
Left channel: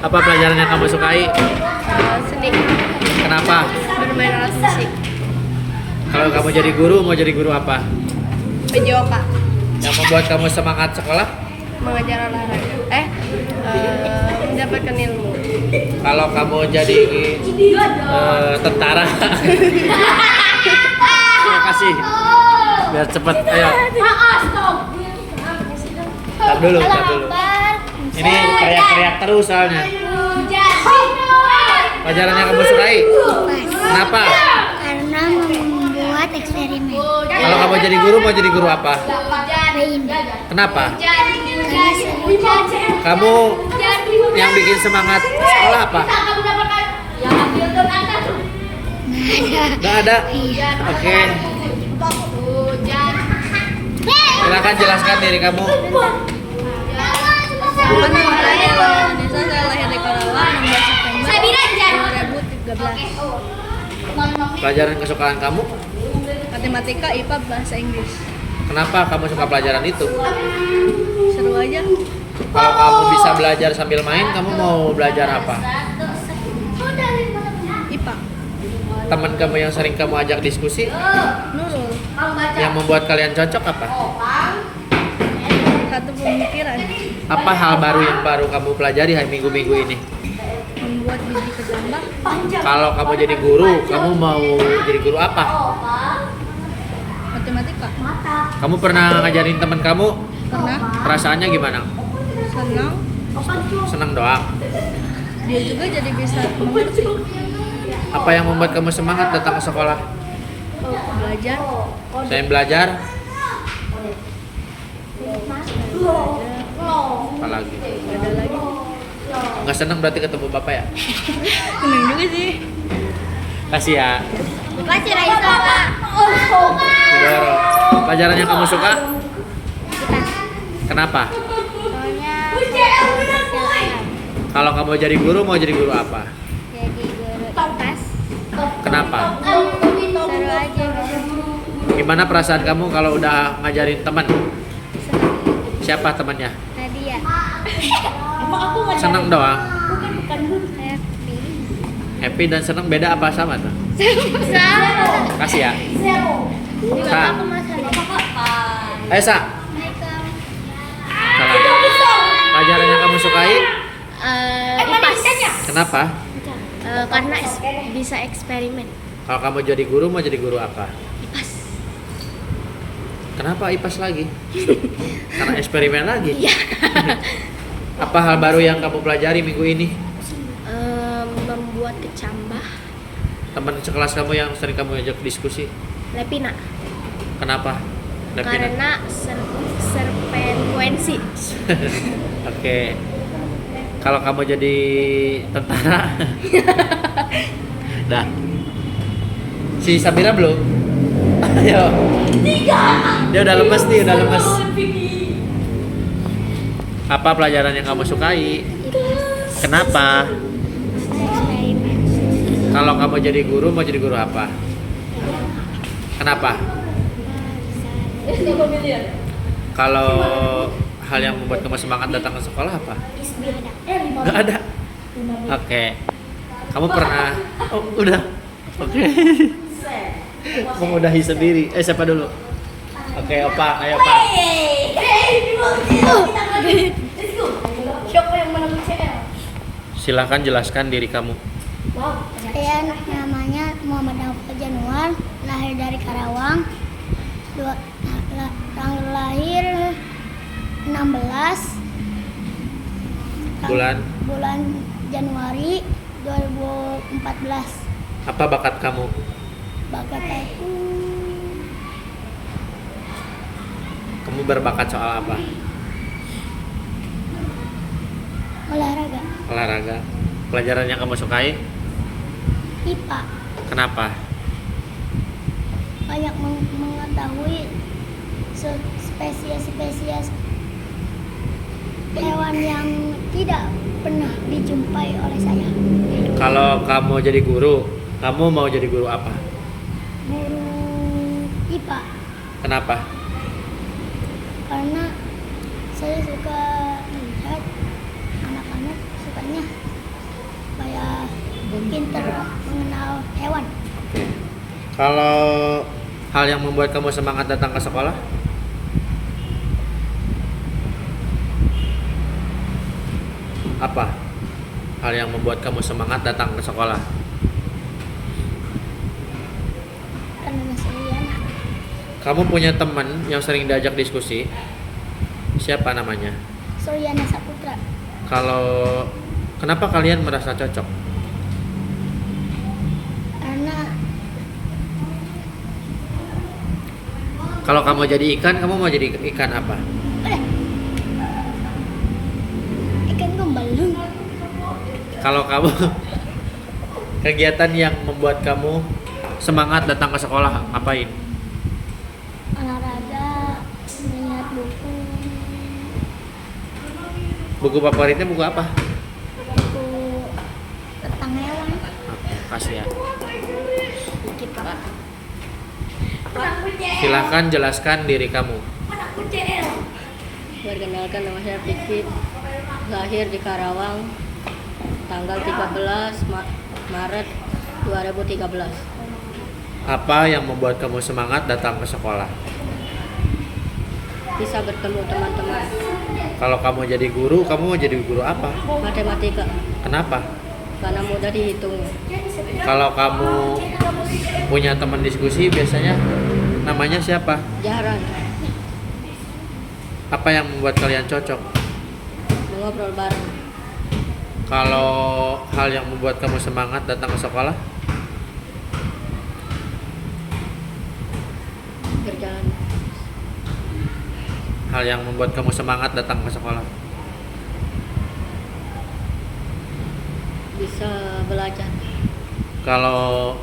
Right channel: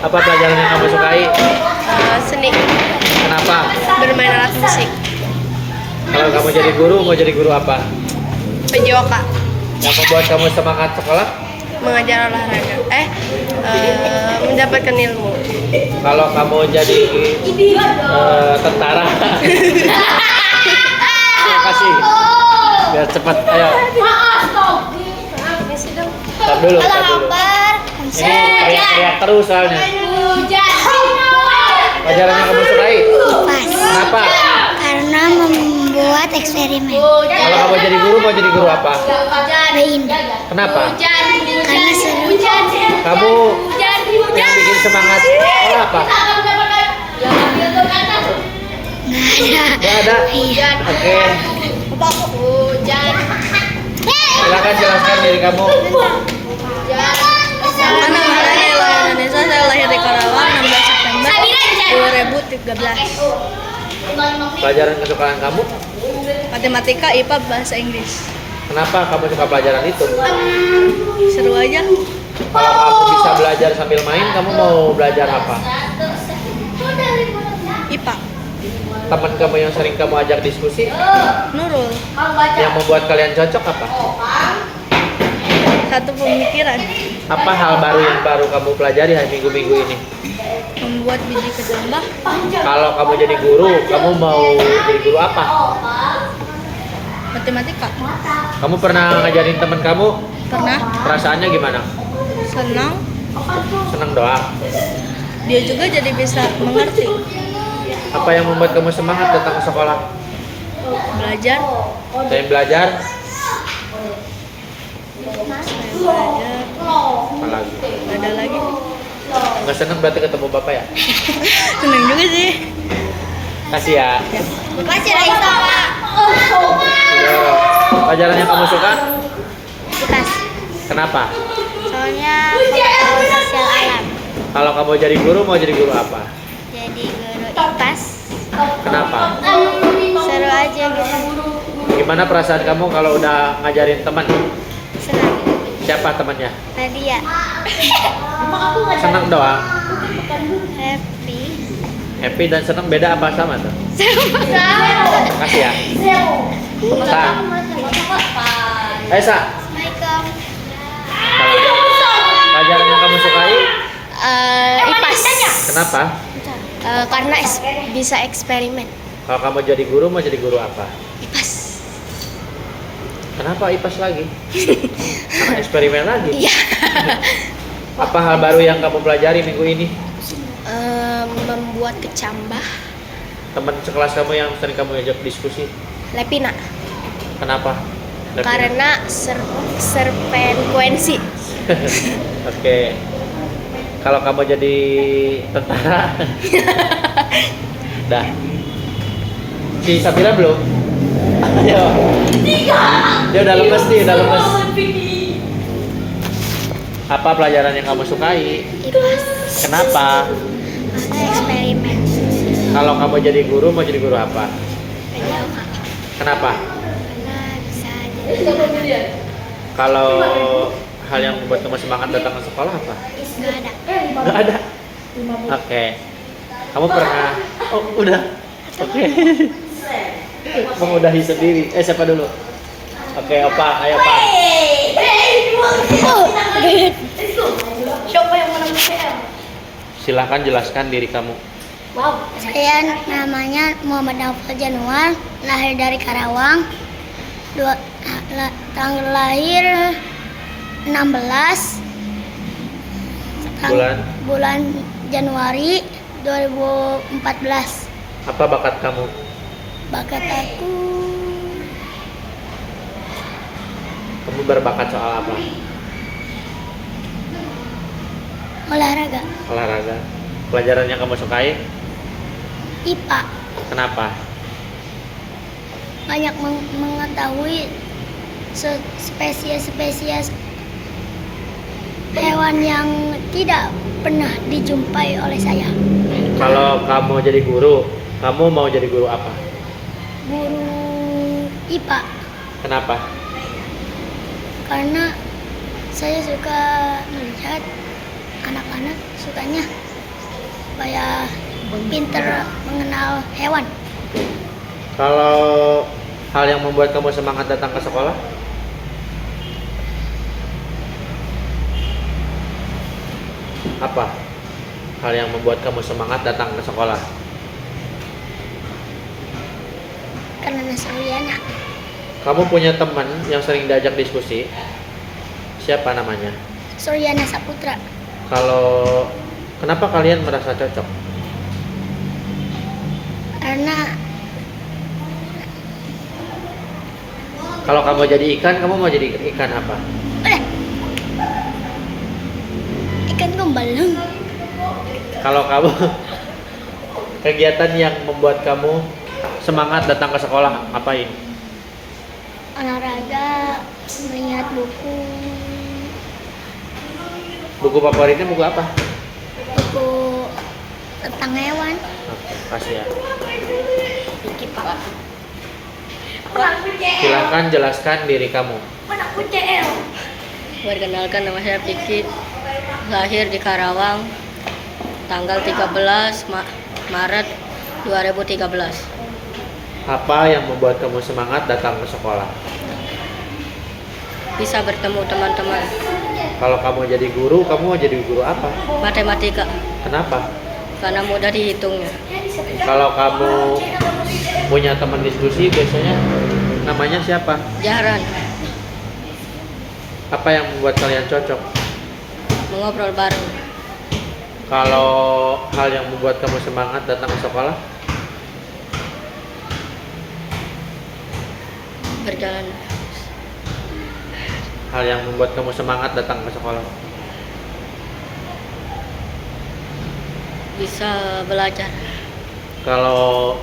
Apa pelajaran yang kamu sukai? Seni. Kenapa? Bermain alat musik. Kalau kamu jadi guru, mau jadi guru apa? PJOK. Yang membuat kamu semangat sekolah? Mengajar olahraga. Mendapatkan ilmu. Kalau kamu jadi tentara. Terima kasih. Biar cepat, ayo. Stop dulu. Ini teriak-teriak terus soalnya. Pelajaran yang kamu sukai? Kenapa? Karena membuat eksperimen. Kalau kamu jadi guru, mau jadi guru apa? Main. Kenapa? Karena seru. Kamu yang bikin semangat sekolah apa? Nggak ada? Iya. Oke. Silakan jelaskan diri kamu. Nama saya Ella Indonesia. Saya lahir di Karawang 16 September 2013. Pelajaran kesukaan kamu? Matematika, IPA, bahasa Inggris. Kenapa kamu suka pelajaran itu? Seru aja. Kalau kamu bisa belajar sambil main, kamu mau belajar apa? IPA. Teman kamu yang sering kamu ajak diskusi, Nurul. yang membuat kalian cocok apa? Satu pemikiran. Apa hal baru yang baru kamu pelajari hari minggu-minggu ini? Membuat biji ketambah. Kalau kamu jadi guru, kamu mau jadi guru apa? Matematika. Kamu pernah ngajarin teman kamu? Pernah. Perasaannya gimana? Senang. Seneng doang. Dia juga jadi bisa mengerti. Apa yang membuat kamu semangat datang ke sekolah? Belajar. Selain belajar, Saya belajar Apa lagi? Ada lagi. Nggak seneng berarti ketemu bapak ya? Seneng juga sih. Kasih ya. Makasih Raisa, Pak. Udah. Pelajaran yang kamu suka? IPAS. Kenapa? Soalnya pengetahuan sosial alam. Kalau kamu jadi guru mau jadi guru apa? Jadi guru IPAS. Kenapa? Seru aja gitu. Gimana perasaan kamu kalau udah ngajarin teman? Senang. Siapa temannya? Nadia. Senang doang. Happy. Happy dan senang beda apa sama tuh? Kasih ya. Sa. Sa. Assalamualaikum. Pelajaran yang kamu sukai? IPAS. Kenapa? Karena bisa eksperimen. Kalau kamu jadi guru mau jadi guru apa? IPAS. Kenapa IPAS lagi? Karena eksperimen lagi. Iya. Apa hal baru yang kamu pelajari minggu ini? Membuat kecambah. Teman sekelas kamu yang sering kamu ajak diskusi? Lepina. Kenapa? Lepina? Karena serpekuensi. Oke. Kalau kamu jadi tentara? Dah. Si Sabira belum? Ayo. Dia udah lemes nih, udah lemes. Apa pelajaran yang kamu sukai? IPAS. Kenapa? Karena eksperimen. Kalau kamu jadi guru mau jadi guru apa? PJOK. Kenapa? Karena bisa jadi Kalau hal yang membuat kamu semangat datang ke sekolah apa? nggak ada. Nggak ada. Oke. Kamu pernah? Oh, udah. Oke. Mengudahi sendiri. Siapa dulu? Oke, Opa. Ayo, Pak. Siapa yang menang UCL? Silahkan jelaskan diri kamu. Saya namanya Muhammad Naufal Januar, lahir dari Karawang. Tanggal lahir 16 bulan Januari 2014. Apa bakat kamu? Bakat aku Kamu berbakat soal apa? olahraga, Olahraga. Pelajaran yang kamu sukai? IPA. Kenapa? Banyak mengetahui spesies-spesies hewan yang tidak pernah dijumpai oleh saya. Kalau kamu jadi guru, kamu mau jadi guru apa? Guru IPA. Kenapa? Karena saya suka melihat anak-anak sukanya supaya pinter mengenal hewan. Kalau hal yang membuat kamu semangat datang ke sekolah? Apa? Hal yang membuat kamu semangat datang ke sekolah? Karena Suryana. Kamu punya teman yang sering diajak diskusi? Siapa namanya? Suryana Saputra. Kenapa kalian merasa cocok? Karena Kalau kamu jadi ikan, kamu mau jadi ikan apa? ikan gembaleng. Kalau kamu kegiatan yang membuat kamu semangat datang ke sekolah, ngapain? Olahraga, melihat buku, Buku favoritnya buku apa? buku tentang hewan. Oke, kasih ya. Dikit Pak. Silahkan jelaskan diri kamu. Perkenalkan, nama saya Pikit. Lahir di Karawang tanggal 13 Maret 2013. Apa yang membuat kamu semangat datang ke sekolah? Bisa bertemu teman-teman. Kalau kamu jadi guru, kamu mau jadi guru apa? Matematika, Kenapa? karena mudah dihitungnya. Kalau kamu punya teman diskusi, biasanya namanya siapa? Jahran, Apa yang membuat kalian cocok? mengobrol bareng. Kalau hal yang membuat kamu semangat datang ke sekolah? Berjalan. hal yang membuat kamu semangat datang ke sekolah? Bisa belajar. Kalau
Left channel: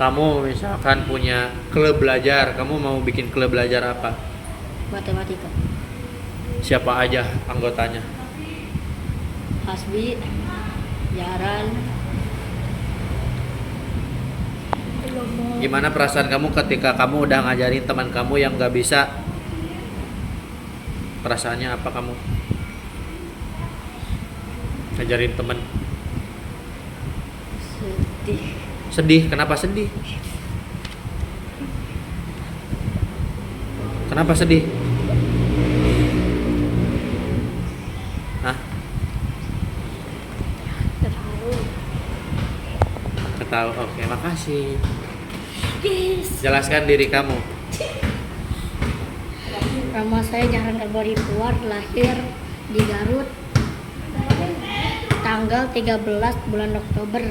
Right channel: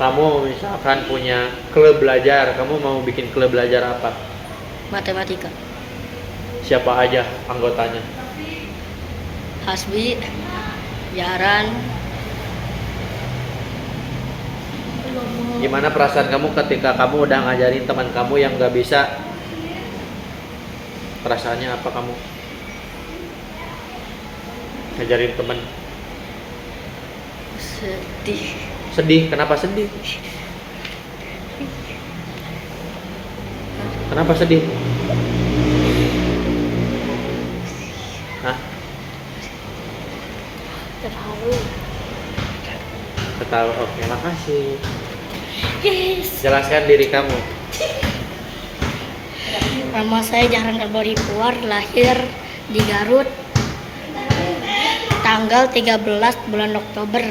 kamu misalkan punya klub belajar, kamu mau bikin klub belajar apa? Matematika. Siapa aja anggotanya? Hasbi, Jaran. Gimana perasaan kamu ketika kamu udah ngajarin teman kamu yang gak bisa? Perasaannya apa kamu? Ngajarin teman. Sedih. Sedih, kenapa sedih? Kenapa sedih? Hah? Ketahu, oke, makasih. Yes. Jelaskan diri kamu. Nama saya Jaran Arbori Puar, lahir di Garut, tanggal 13 bulan Oktober.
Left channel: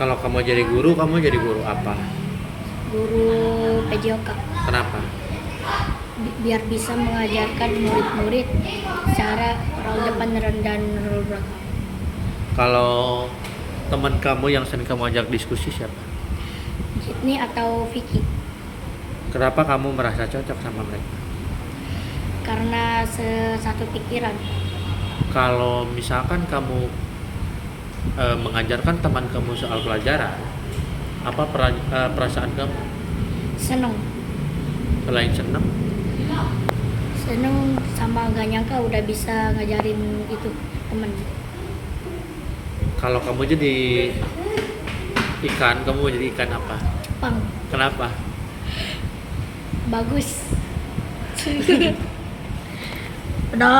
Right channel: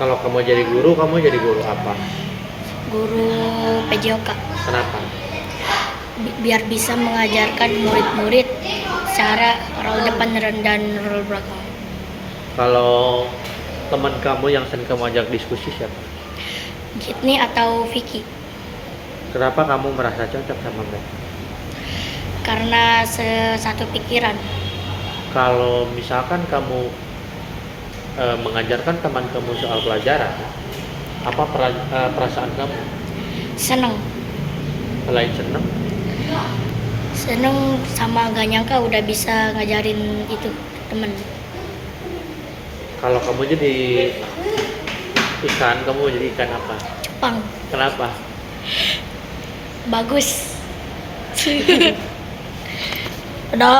Kalau kamu jadi guru apa? Guru PJOK. Kenapa? Biar bisa mengajarkan murid-murid cara roll depan dan roll belakang. Kalau teman kamu yang sering kamu ajak diskusi siapa? Jitni atau Vicky. Kenapa kamu merasa cocok sama mereka? Karena satu pikiran. Kalau misalkan kamu mengajarkan teman kamu soal pelajaran, apa perasaan kamu? Seneng. Selain senang, Seneng sama gak nyangka udah bisa ngajarin itu temen. kalau kamu jadi ikan, kamu jadi ikan apa? Jepang. Kenapa? Bagus. Udah.